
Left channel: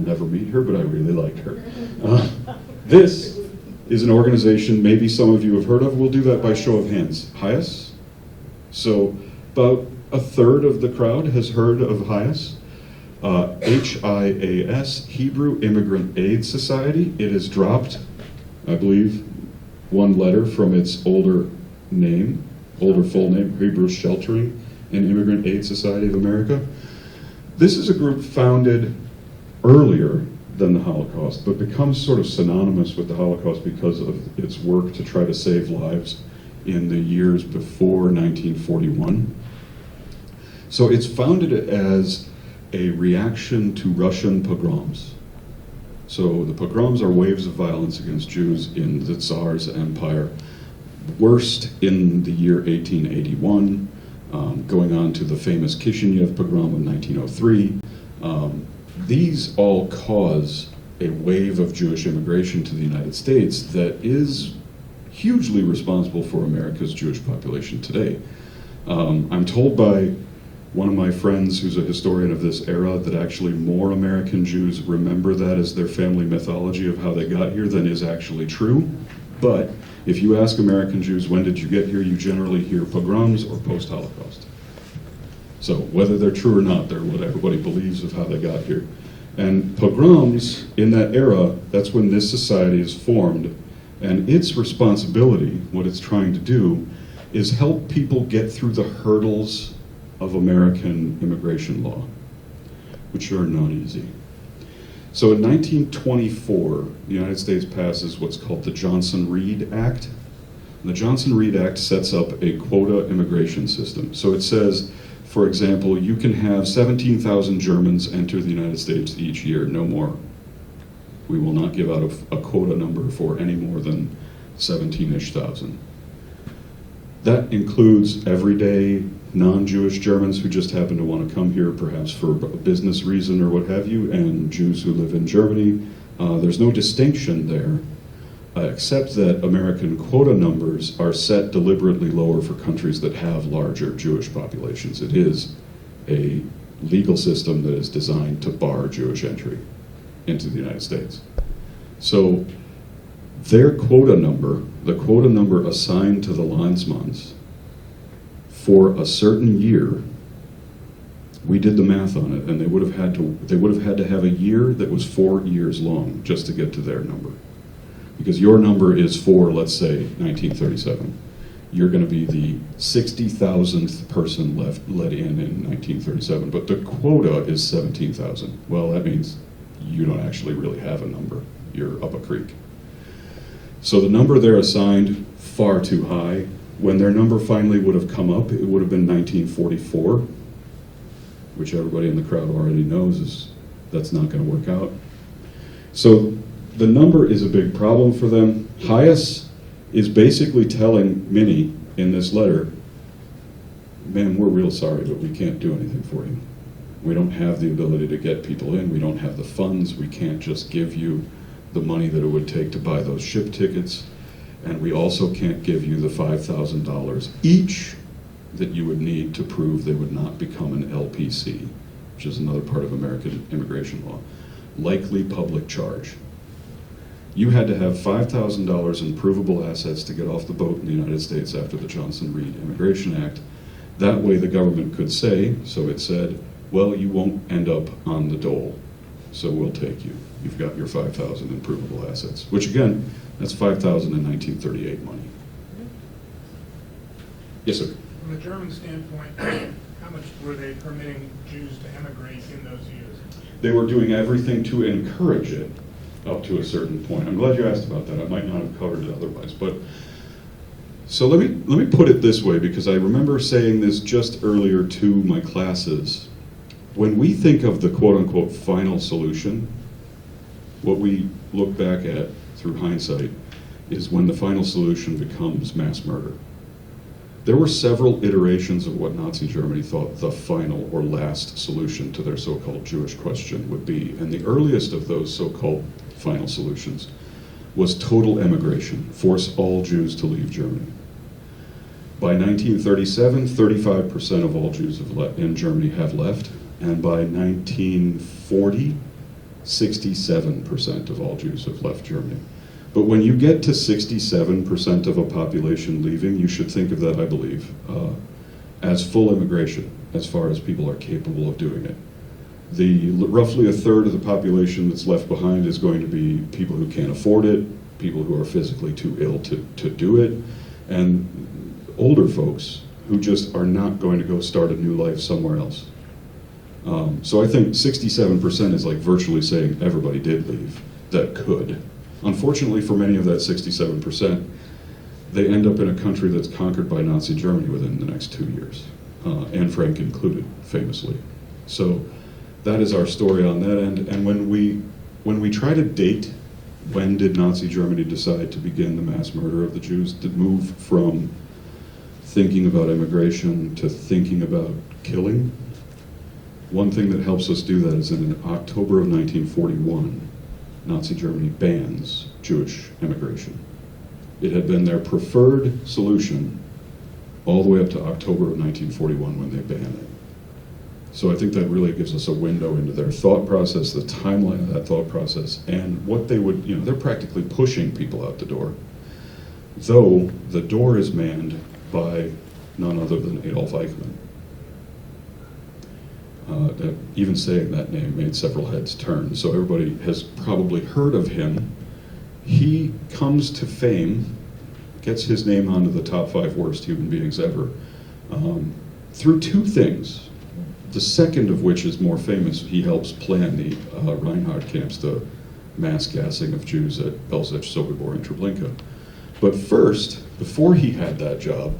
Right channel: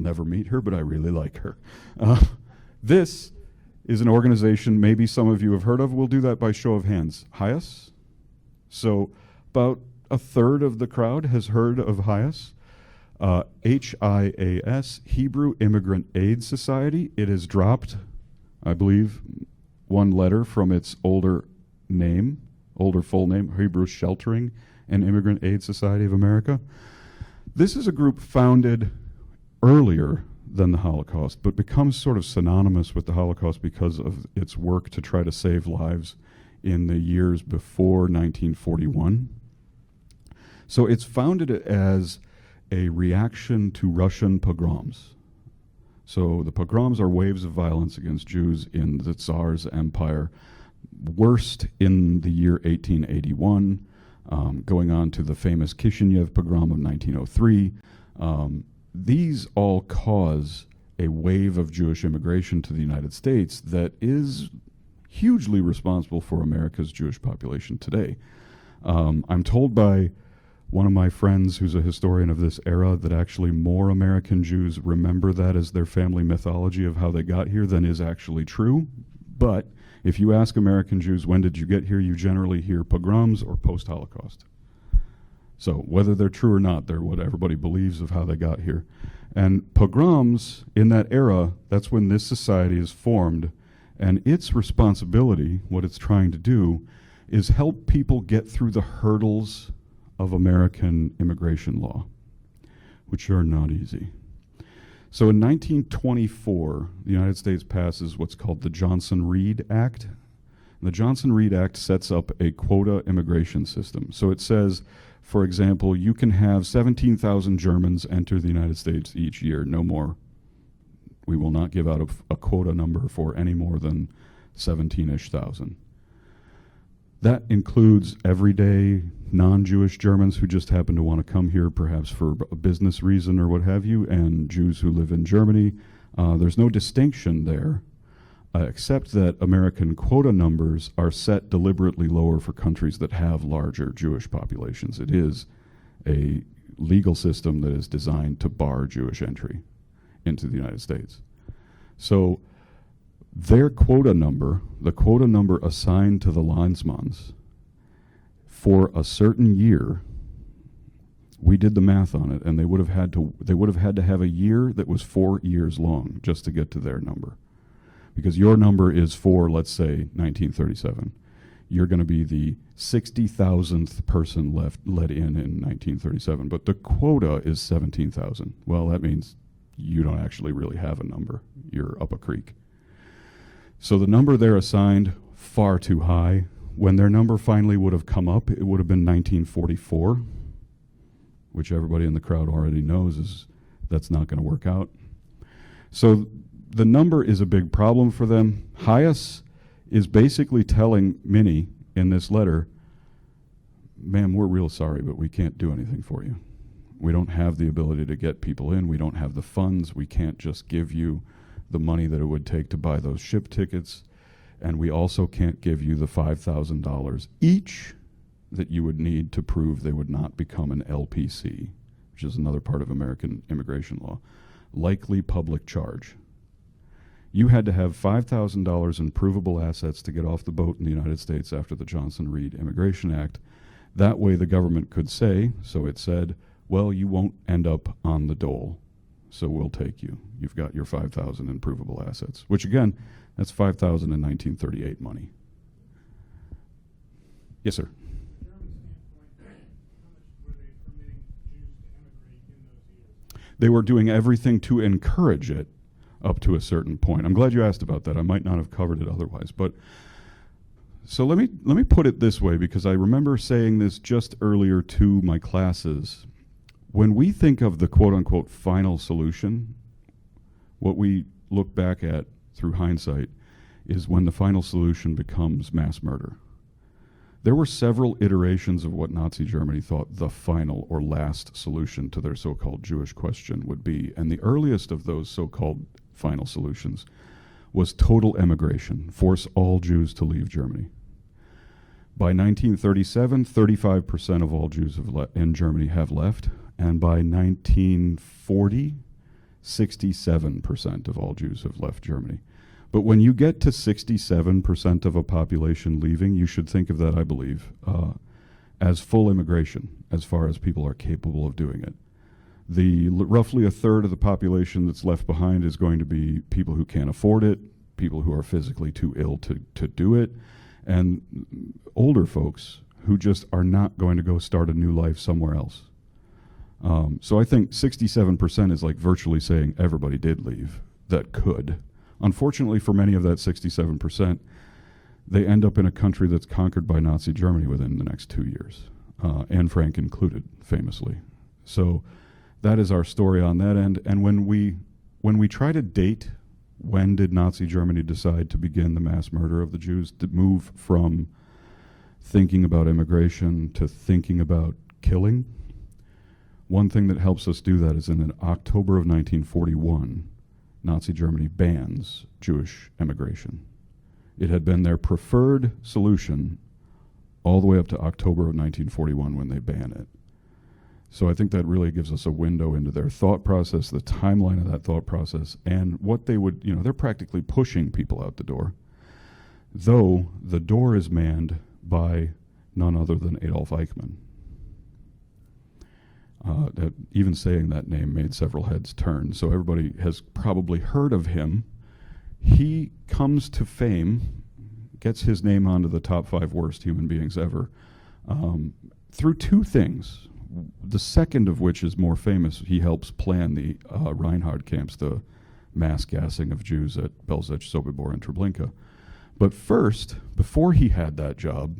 never meet her, but I really like her. This is an organization maybe some of you have heard of. We'll do that by show of hands. HIAS? So about a third of the crowd has heard of HIAS. HIAS, Hebrew Immigrant Aid Society. It has dropped, I believe, one letter from its older name, older full name, Hebrew Sheltering and Immigrant Aid Society of America. This is a group founded earlier than the Holocaust, but becomes sort of synonymous with the Holocaust because of its work to try to save lives in the years before 1941. So it's founded as a reaction to Russian pogroms. So the pogroms are waves of violence against Jews in the Tsar's empire, worst in the year 1881, going on to the famous Kishinev pogrom of 1903. These all cause a wave of Jewish immigration to the United States that is hugely responsible for America's Jewish population today. I'm told by one of my friends who's a historian of this era that actually more American Jews remember that as their family mythology of how they got here than is actually true. But if you ask American Jews, when did you get here, you generally hear pogroms or post-Holocaust. So whether they're true or not, they're what everybody believes of how they got here. And pogroms, in that era, that's when this society is formed. And its responsibility, what it's trying to do, is help people get through the hurdles of American immigration law, which are not easy. So in 1924, the United States passes what's called the Johnson-Reed Act. The Johnson-Reed Act sets up a quota immigration system. So it says, for example, you can have 17,000 Germans enter the United States each year, no more. We will not give out a quota number for any more than 17-ish thousand. That includes everyday non-Jewish Germans who just happen to want to come here, perhaps for a business reason or what have you, and Jews who live in Germany. There's no distinction there, except that American quota numbers are set deliberately lower for countries that have larger Jewish populations. It is a legal system that is designed to bar Jewish entry into the United States. So their quota number, the quota number assigned to the Landsmanns for a certain year, we did the math on it, and they would have had to have a year that was 4 years long just to get to their number. Because your number is for, let's say, 1937. You're going to be the 60,000th person let in 1937, but the quota is 17,000. Well, that means you don't actually really have a number. You're up a creek. So the number they're assigned, far too high. When their number finally would have come up, it would have been 1944, which everybody in the crowd already knows that's not going to work out. So the number is a big problem for them. HIAS is basically telling Minnie in this letter, man, we're real sorry, but we can't do anything for you. We don't have the ability to get people in. We don't have the funds. We can't just give you the money that it would take to buy those ship tickets. And we also can't give you the $5,000 each that you would need to prove they would not become an LPC, which is another part of American immigration law. Likely public charge. You had to have $5,000 in provable assets to get off the boat in the United States after the Johnson-Reed Immigration Act. That way the government could say, so it said, well, you won't end up on the dole, so we'll take you. You've got your 5,000 in provable assets, which again, that's 5,000 in 1938 money. Yes, sir? From a German standpoint, how much were they permitting Jews to emigrate in those years? They were doing everything to encourage it up to a certain point. I'm glad you asked about that. I might not have covered it otherwise. But so let me put it this way, because I remember saying this just earlier to my classes. When we think of the quote-unquote final solution, what we look back at through hindsight is when the final solution becomes mass murder. There were several iterations of what Nazi Germany thought the final or last solution to their so-called Jewish question would be. And the earliest of those so-called final solutions was total emigration, force all Jews to leave Germany. By 1937, 35% of all Jews in Germany have left. And by 1940, 67% of all Jews have left Germany. But when you get to 67% of a population leaving, you should think of that, I believe, as full immigration, as far as people are capable of doing it. roughly a third of the population that's left behind is going to be people who can't afford it, people who are physically too ill to do it, and older folks who just are not going to go start a new life somewhere else. So I think 67% is like virtually saying everybody did leave that could. Unfortunately for many of that 67%, they end up in a country that's conquered by Nazi Germany within the next 2 years, Anne Frank included, famously. So that is our story on that end. And when we try to date when did Nazi Germany decide to begin the mass murder of the Jews, to move from thinking about immigration to thinking about killing, one thing that helps us do that is in October of 1941, Nazi Germany bans Jewish immigration. It had been their preferred solution all the way up to October of 1941 when they banned it. So I think that really gives us a window into their thought process, the timeline of that thought process, and what they would, they're practically pushing people out the door, though the door is manned by none other than Adolf Eichmann. Even saying that name made several heads turn, so everybody has probably heard of him. He comes to fame, gets his name onto the top 5 worst human beings ever, through 2 things. The second of which is more famous. He helps plan the Reinhard camps, the mass gassing of Jews at Belzec, Sobibor, and Treblinka. But first, before he had that job,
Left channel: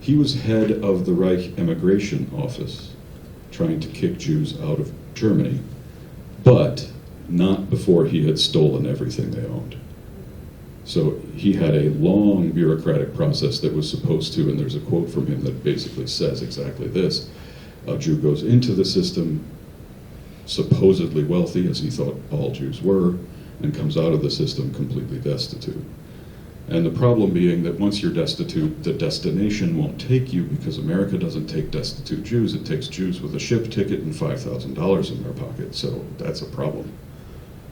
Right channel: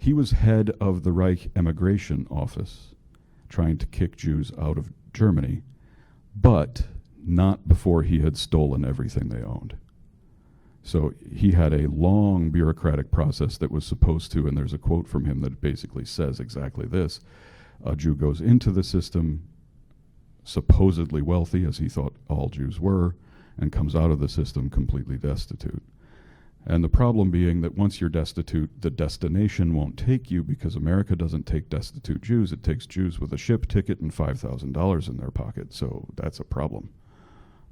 he was head of the Reich Emigration Office, trying to kick Jews out of Germany, but not before he had stolen everything they owned. So he had a long bureaucratic process that was supposed to, and there's a quote from him that basically says exactly this: a Jew goes into the system supposedly wealthy, as he thought all Jews were, and comes out of the system completely destitute. And the problem being that once you're destitute, the destination won't take you, because America doesn't take destitute Jews. It takes Jews with a ship ticket and $5,000 in their pocket, so that's a problem.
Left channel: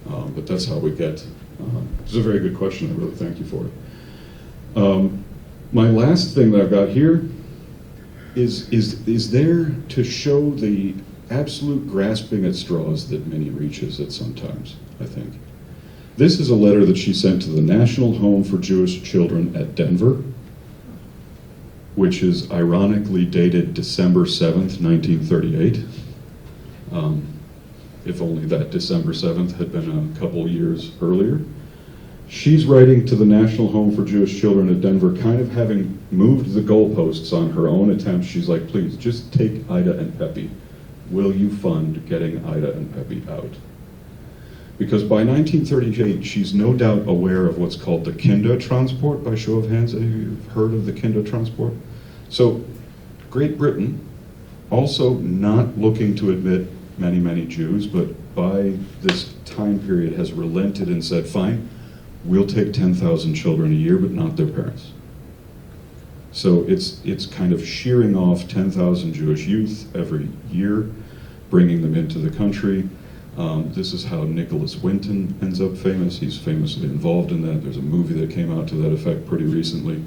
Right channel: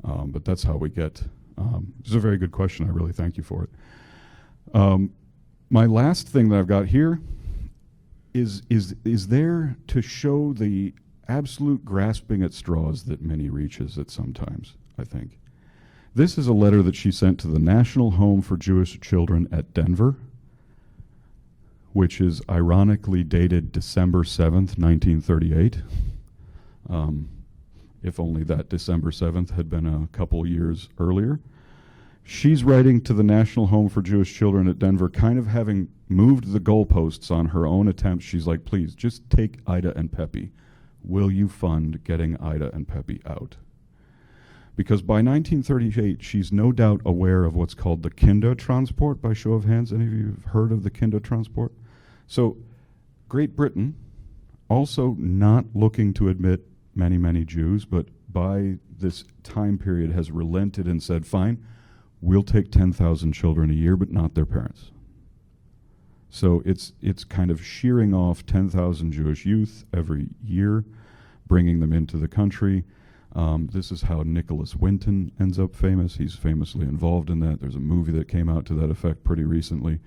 But that's how we get. This is a very good question. I really thank you for it. My last thing that I've got here is there to show the absolute grasping at straws that Minnie reaches at sometimes, I think. This is a letter that she sent to the National Home for Jewish Children at Denver, which is ironically dated December 7th, 1938. If only that December 7th had been a couple years earlier. She's writing to the National Home for Jewish Children at Denver, kind of having moved the goalposts on her own attempts. She's like, please, just take Ida and Pepe. Will you fund getting Ida and Pepe out? Because by 1938, she's no doubt aware of what's called the Kindertransport. By show of hands, any of you have heard of the Kindertransport? So Great Britain, also not looking to admit many, many Jews, but by this time period has relented and said, fine, we'll take 10,000 children a year, but not their parents. So it's kind of shearing off 10,000 Jewish youth every year, bringing them into the country. This is how Nicholas Winton ends up famous. He's famously involved in that. There's a movie that came out to that effect pretty recently.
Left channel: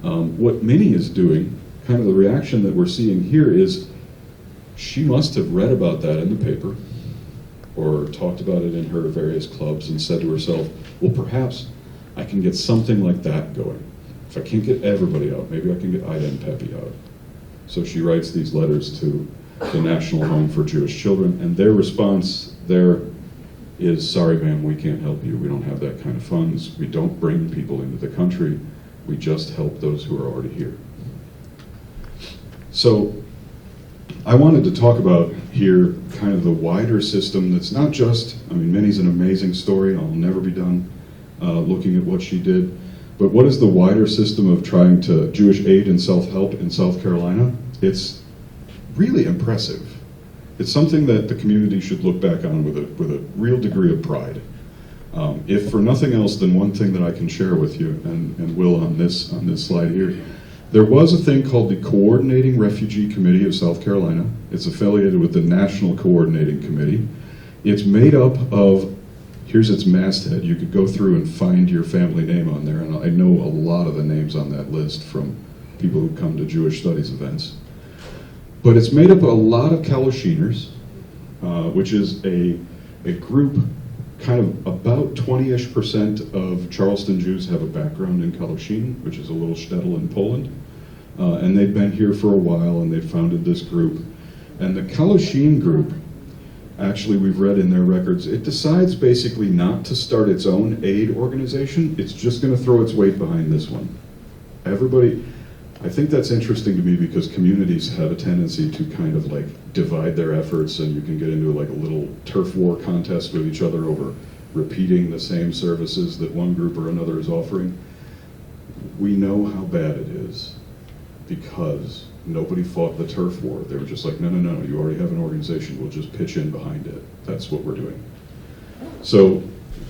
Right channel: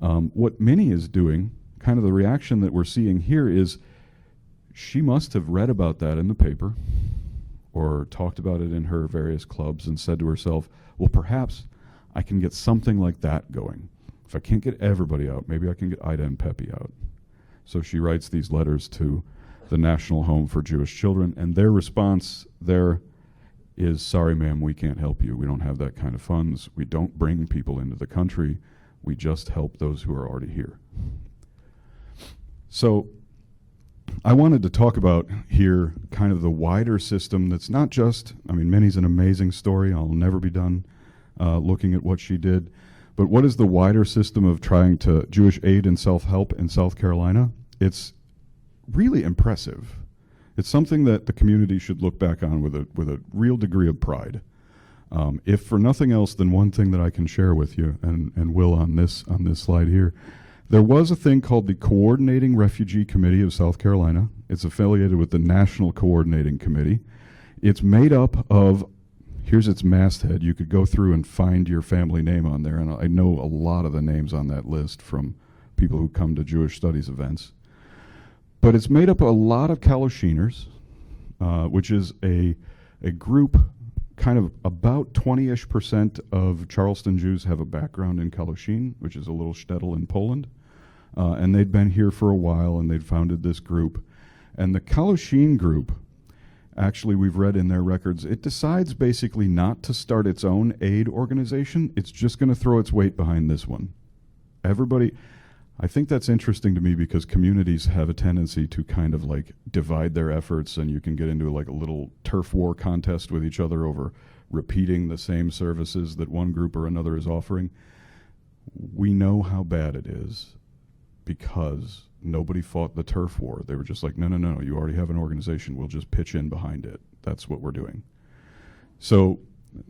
What Minnie is doing, kind of the reaction that we're seeing here, is she must have read about that in the paper or talked about it in her various clubs and said to herself, well, perhaps I can get something like that going. If I can't get everybody out, maybe I can get Ida and Pepe out. So she writes these letters to the National Home for Jewish Children, and their response there is, sorry ma'am, we can't help you. We don't have that kind of funds. We don't bring people into the country. We just help those who are already here. So I wanted to talk about here kind of the wider system that's not just, Minnie's an amazing story. I'll never be done looking at what she did. But what is the wider system of trying to Jewish aid and self-help in South Carolina? It's really impressive. It's something that the community should look back on with a real degree of pride. If for nothing else, then one thing that I can share with you, and will on this slide here. There was a thing called the Coordinating Refugee Committee of South Carolina. It's affiliated with the National Coordinating Committee. It's made up of, here's its masthead. You could go through and find your family name on there, and I know a lot of the names on that list from people who come to Jewish studies events. But it's made up of a lot of Kalashiners, which is a group, kind of about 20-ish% of Charleston Jews have a background in Kalushyn, which is a little shtetl in Poland. And they'd been here for a while, and they founded this group. And the Kalushyn group, actually, we've read in their records, it decides basically not to start its own aid organization. It's just going to throw its weight behind this one. Everybody, I think that's interesting to me because communities have a tendency to kind of like divide their efforts, and you can get into like a little turf war contest with each other over repeating the same services that one group or another is offering. We know how bad it is because nobody fought the turf war. They were just like, no, no, no, you already have an organization, we'll just pitch in behind it. That's what we're doing. So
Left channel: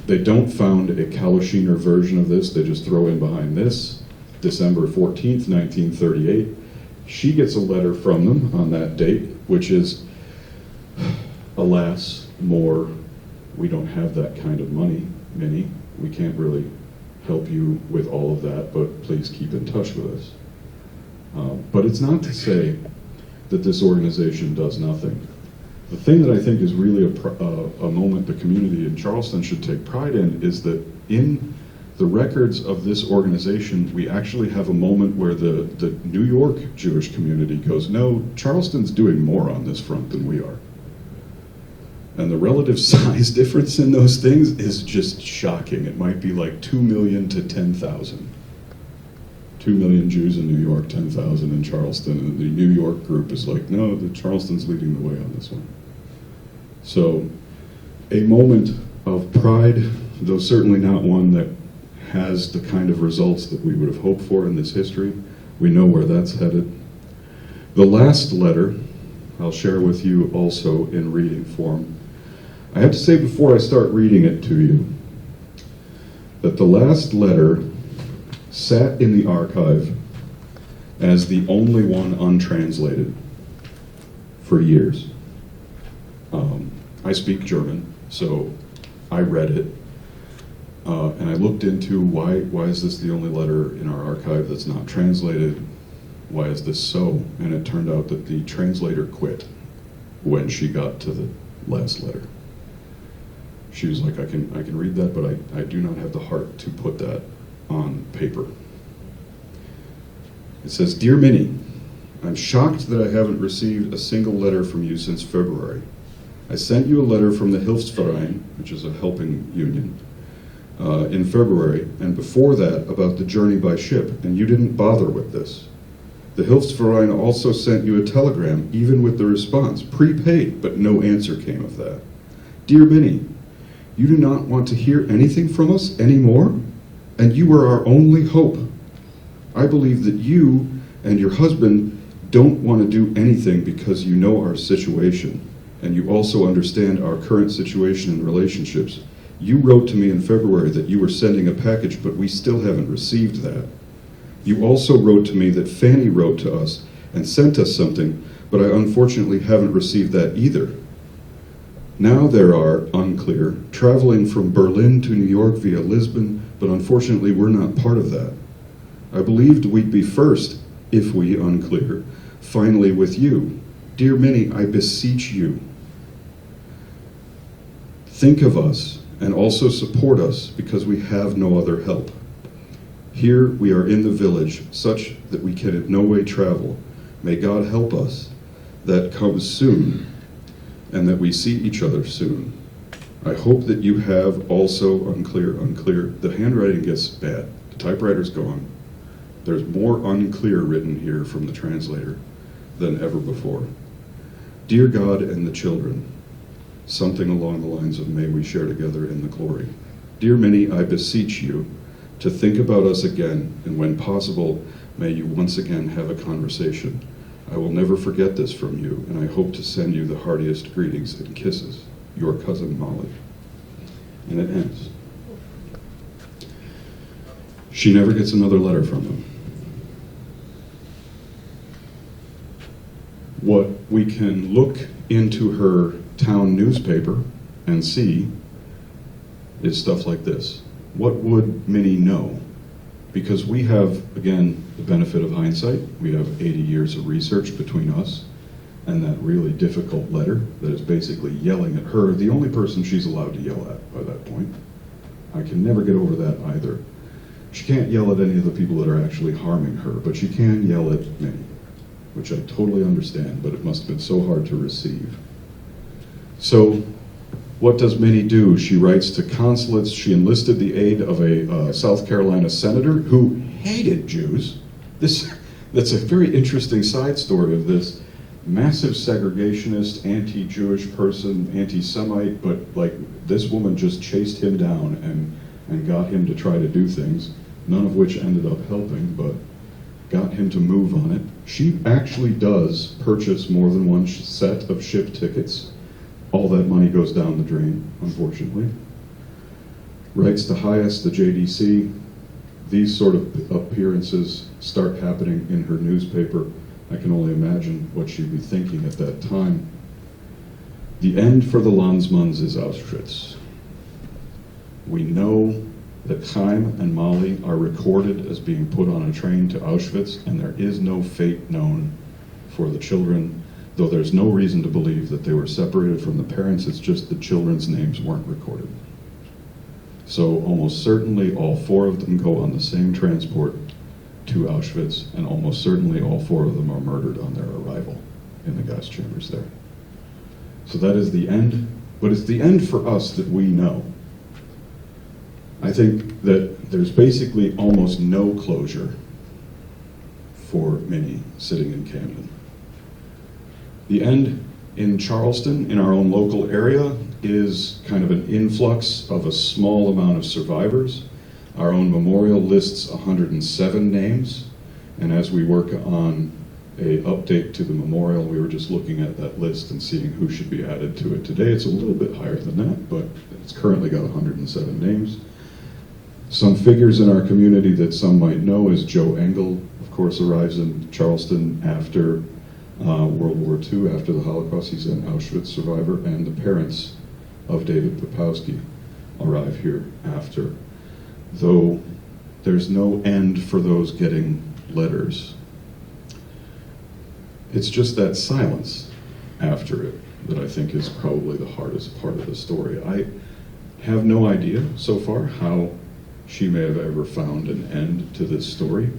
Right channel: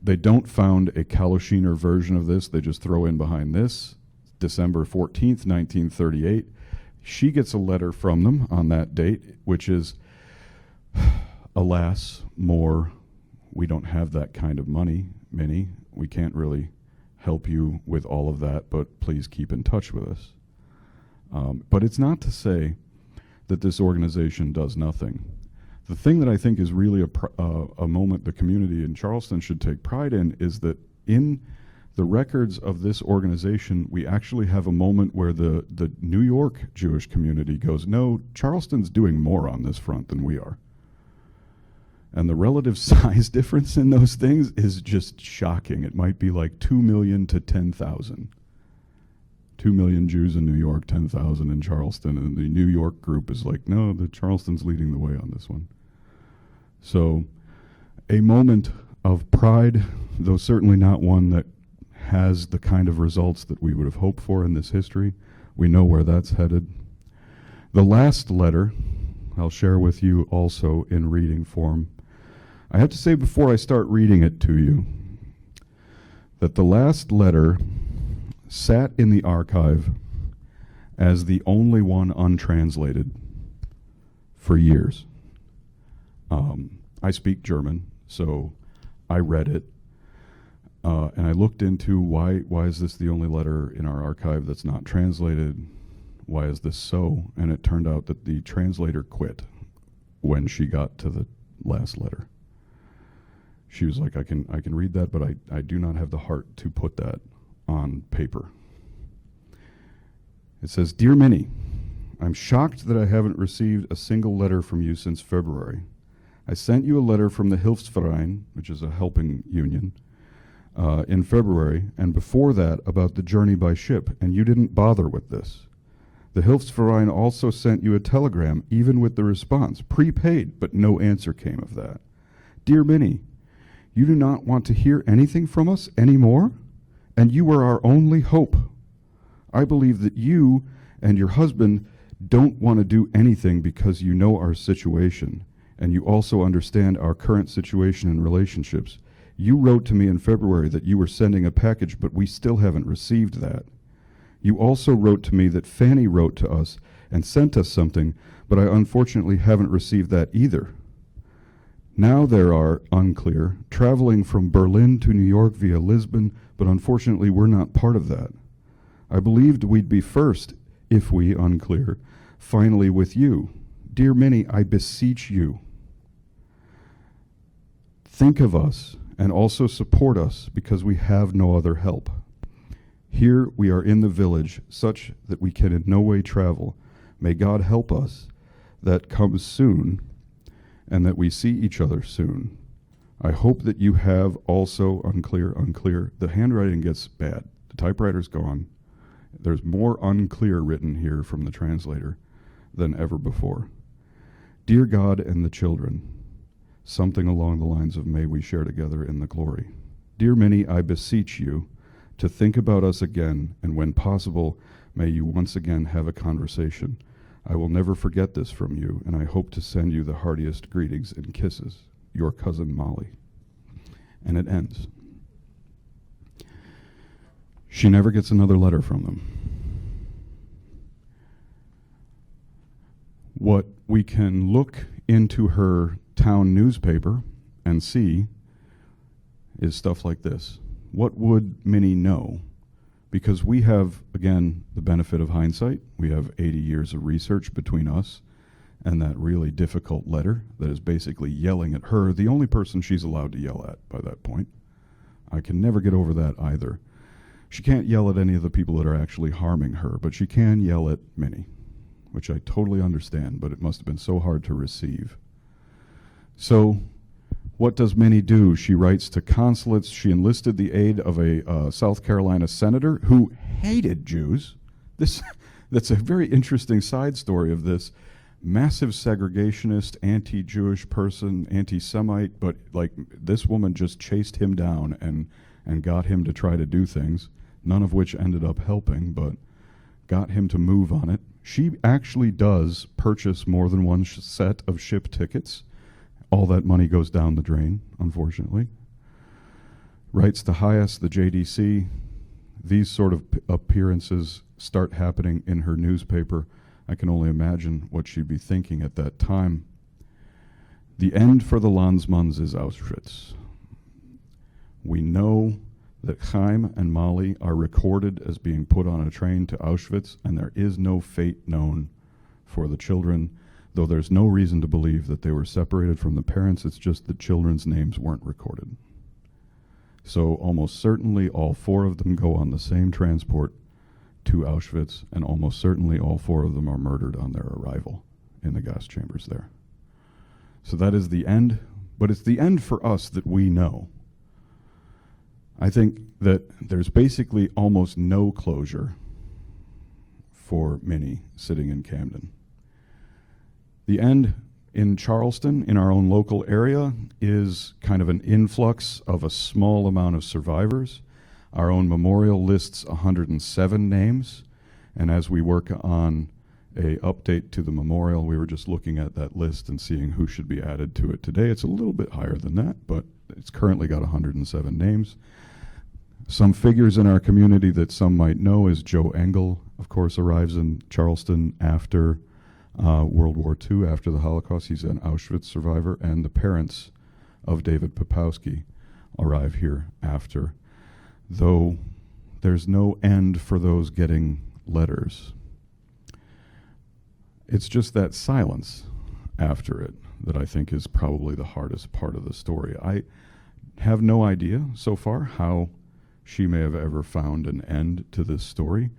they don't found a Kalushiner version of this, they just throw in behind this. December 14th, 1938. She gets a letter from them on that date, which is, alas, more, we don't have that kind of money, Minnie. We can't really help you with all of that, but please keep in touch with us. But it's not to say that this organization does nothing. The thing that I think is really a moment the community in Charleston should take pride in is that in the records of this organization, we actually have a moment where the New York Jewish community goes, no, Charleston's doing more on this front than we are. And the relative size difference in those things is just shocking. It might be like 2 million to 10,000. 2 million Jews in New York, 10,000 in Charleston, and the New York group is like, no, the Charleston's leading the way on this one. So, a moment of pride, though certainly not one that has the kind of results that we would have hoped for in this history. We know where that's headed. The last letter, I'll share with you also in reading form. I have to say before I start reading it to you, that the last letter sat in the archive as the only one untranslated for years. I speak German, so I read it. And I looked into why is this the only letter in our archive that's not translated? Why is this so? And it turned out that the translator quit when she got to the last letter. She was like, I can read that, but I do not have the heart to put that on paper. It says, Dear Minnie, I'm shocked that I haven't received a single letter from you since February. I sent you a letter from the Hilfsverein, which is a helping union, in February, and before that about the journey by ship, and you didn't bother with this. The Hilfsverein also sent you a telegram, even with the response, prepaid, but no answer came of that. Dear Minnie, you do not want to hear anything from us anymore, and you are our only hope. I believe that you and your husband don't want to do anything because you know our situation, and you also understand our current situation in relationships. You wrote to me in February that you were sending a package, but we still haven't received that. You also wrote to me that Fanny wrote to us and sent us something, but I unfortunately haven't received that either. Now there are, unclear, traveling from Berlin to New York via Lisbon, but unfortunately we're not part of that. I believed we'd be first, if we, unclear, finally with you. Dear Minnie, I beseech you, think of us and also support us because we have no other help. Here we are in the village, such that we can in no way travel. May God help us. That comes soon, and that we see each other soon. I hope that you have also, unclear. The handwriting gets bad. The typewriter's gone. There's more unclear written here from the translator than ever before. Dear God and the children, something along the lines of may we share together in the glory. Dear Minnie, I beseech you to think about us again, and when possible, may you once again have a conversation. I will never forget this from you, and I hope to send you the heartiest greetings and kisses. Your cousin Molly. And it ends. She never gets another letter from them. What we can look into her town newspaper and see is stuff like this. What would Minnie know? Because we have, again, the benefit of hindsight. We have 80 years of research between us and that really difficult letter that is basically yelling at her, the only person she's allowed to yell at by that point. I can never get over that either. She can't yell at any of the people that are actually harming her, but she can yell at Minnie, which I totally understand, but it must have been so hard to receive. So what does Minnie do? She writes to consulates. She enlisted the aid of a South Carolina senator who hated Jews. That's a very interesting side story of this. Massive segregationist, anti-Jewish person, anti-Semite, but like this woman just chased him down and got him to try to do things, none of which ended up helping, but got him to move on it. She actually does purchase more than one set of ship tickets. All that money goes down the drain, unfortunately. Writes to Hias, the JDC. These sort of appearances start happening in her newspaper. I can only imagine what she'd be thinking at that time. The end for the Landsmanns is Auschwitz. We know that Chaim and Molly are recorded as being put on a train to Auschwitz, and there is no fate known for the children, though there's no reason to believe that they were separated from the parents. It's just the children's names weren't recorded. So almost certainly all four of them go on the same transport to Auschwitz, and almost certainly all four of them are murdered on their arrival in the gas chambers there. So that is the end, but it's the end for us that we know. I think that there's basically almost no closure for Minnie sitting in Camden. The end in Charleston, in our own local area, is kind of an influx of a small amount of survivors. Our own memorial lists 107 names, and as we work on a update to the memorial, we were just looking at that list and seeing who should be added to it. Today it's a little bit higher than that, but it's currently got 107 names. Some figures in our community that some might know is Joe Engel, of course, arrives in Charleston after World War II, after the Holocaust. He's an Auschwitz survivor, and the parents of David Popowski arrive here after. Though there's no end for those getting letters. It's just that silence after it that I think is probably the hardest part of the story. I have no idea so far how she may have ever found an end to this story.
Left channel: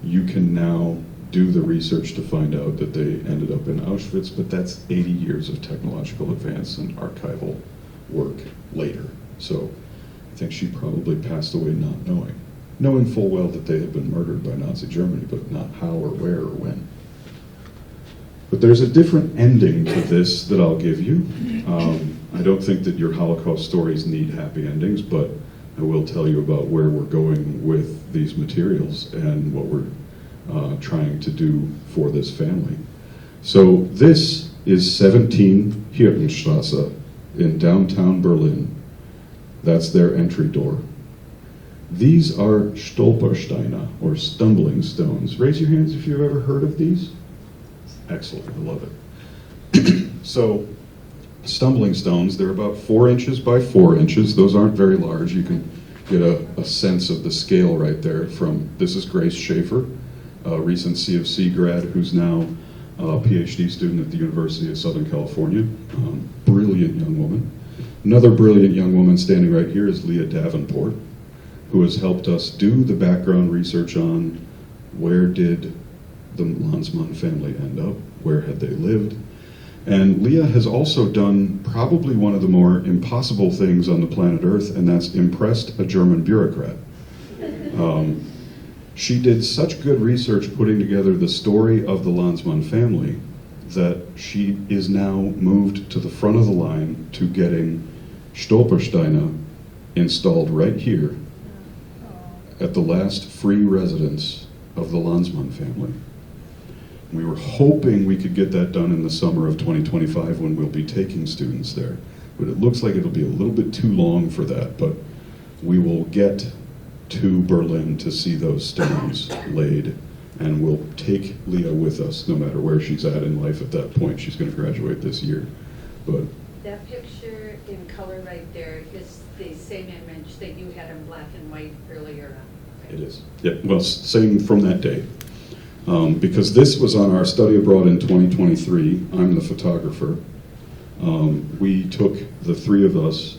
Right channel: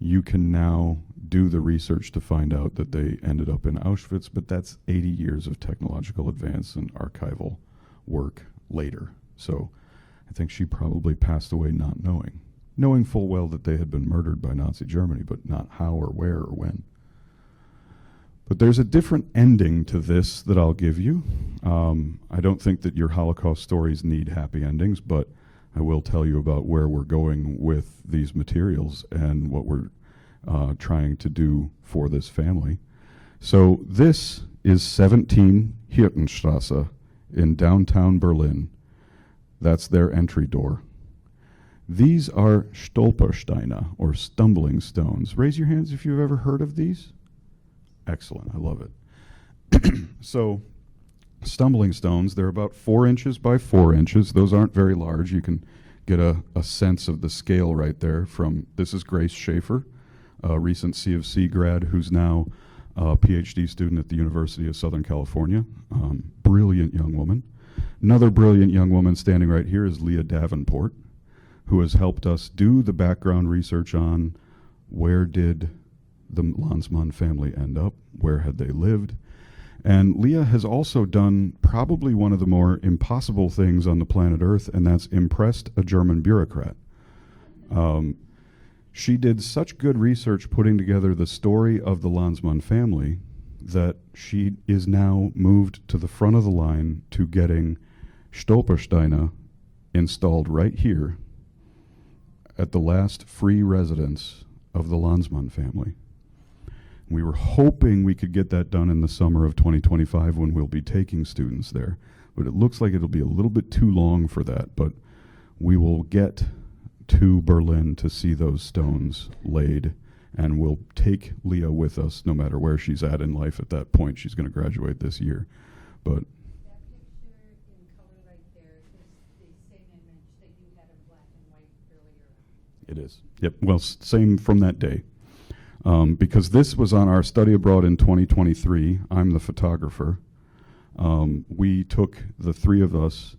You can now do the research to find out that they ended up in Auschwitz, but that's 80 years of technological advance and archival work later. So I think she probably passed away not knowing full well that they had been murdered by Nazi Germany, but not how or where or when. But there's a different ending to this that I'll give you. I don't think that your Holocaust stories need happy endings, but I will tell you about where we're going with these materials and what we're trying to do for this family. So this is 17 Hirtenstrasse in downtown Berlin. That's their entry door. These are Stolpersteine, or stumbling stones. Raise your hands if you've ever heard of these. Excellent, I love it. So, stumbling stones, they're about 4 inches by 4 inches. Those aren't very large. You can get a sense of the scale right there from, this is Grace Schaefer, a recent C of C grad who's now a PhD student at the University of Southern California. Brilliant young woman. Another brilliant young woman standing right here is Leah Davenport, who has helped us do the background research on where did the Landsmann family end up, where had they lived. And Leah has also done probably one of the more impossible things on the planet Earth, and that's impressed a German bureaucrat. She did such good research putting together the story of the Landsmann family that she is now moved to the front of the line to getting Stolpersteine installed right here at the last free residence of the Landsmann family. We were hoping we could get that done in the summer of 2025 when we'll be taking students there. But it looks like it'll be a little bit too long for that, but we will get to Berlin to see those stones laid, and we'll take Leah with us no matter where she's at in life at that point. She's going to graduate this year. But That picture in color right there is the same image that you had in black and white earlier on. it is. Yeah, well, same from that day. Because this was on our study abroad in 2023. I'm the photographer. We took, the three of us,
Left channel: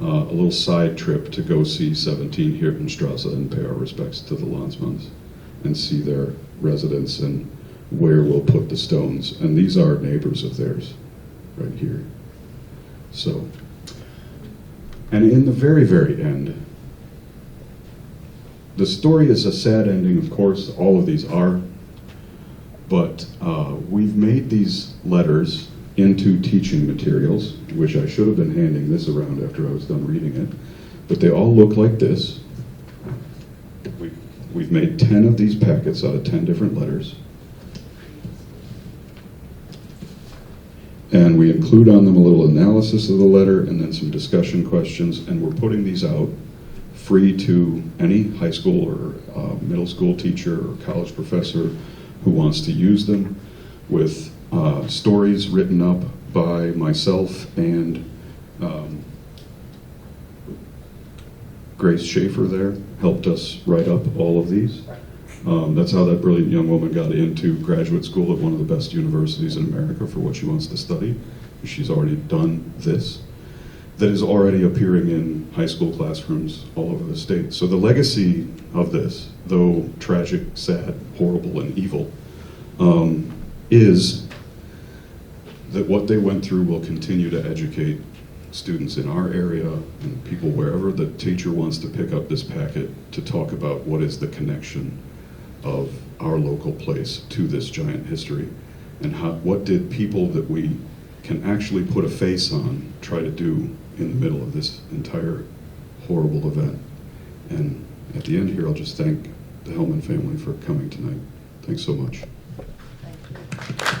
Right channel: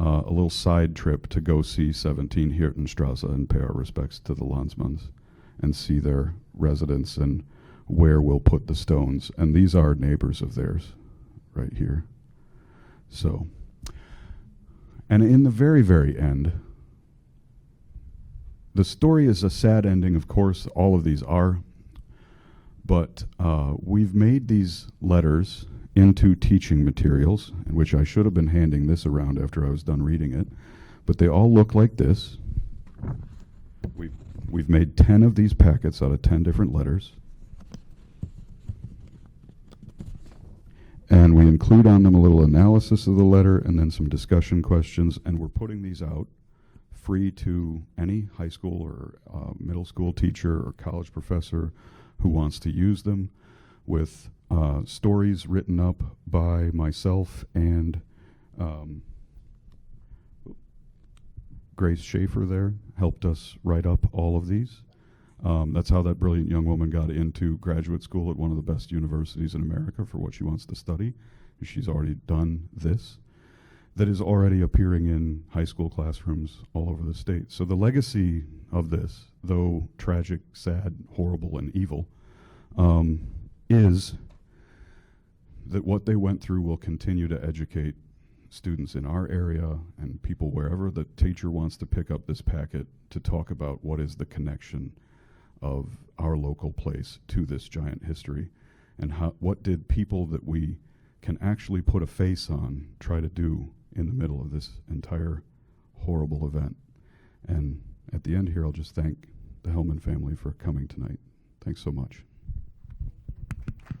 a little side trip to go see 17 Hirtenstrasse and pay our respects to the Landsmanns and see their residence and where we'll put the stones. And these are neighbors of theirs, right here. So, and in the very, very end, the story is a sad ending, of course, all of these are, but we've made these letters into teaching materials, which I should have been handing this around after I was done reading it, but they all look like this. We've made 10 of these packets out of 10 different letters. And we include on them a little analysis of the letter and then some discussion questions, and we're putting these out free to any high school or middle school teacher or college professor who wants to use them, with stories written up by myself and Grace Schaefer there helped us write up all of these. That's how that brilliant young woman got into graduate school at one of the best universities in America for what she wants to study. She's already done this. That is already appearing in high school classrooms all over the state. So the legacy of this, though tragic, sad, horrible, and evil, is that what they went through will continue to educate students in our area and people wherever the teacher wants to pick up this packet to talk about what is the connection of our local place to this giant history, and what did people that we can actually put a face on try to do in the middle of this entire horrible event. And at the end here, I'll just thank the Hellman family for coming tonight. Thanks so much. Thank you.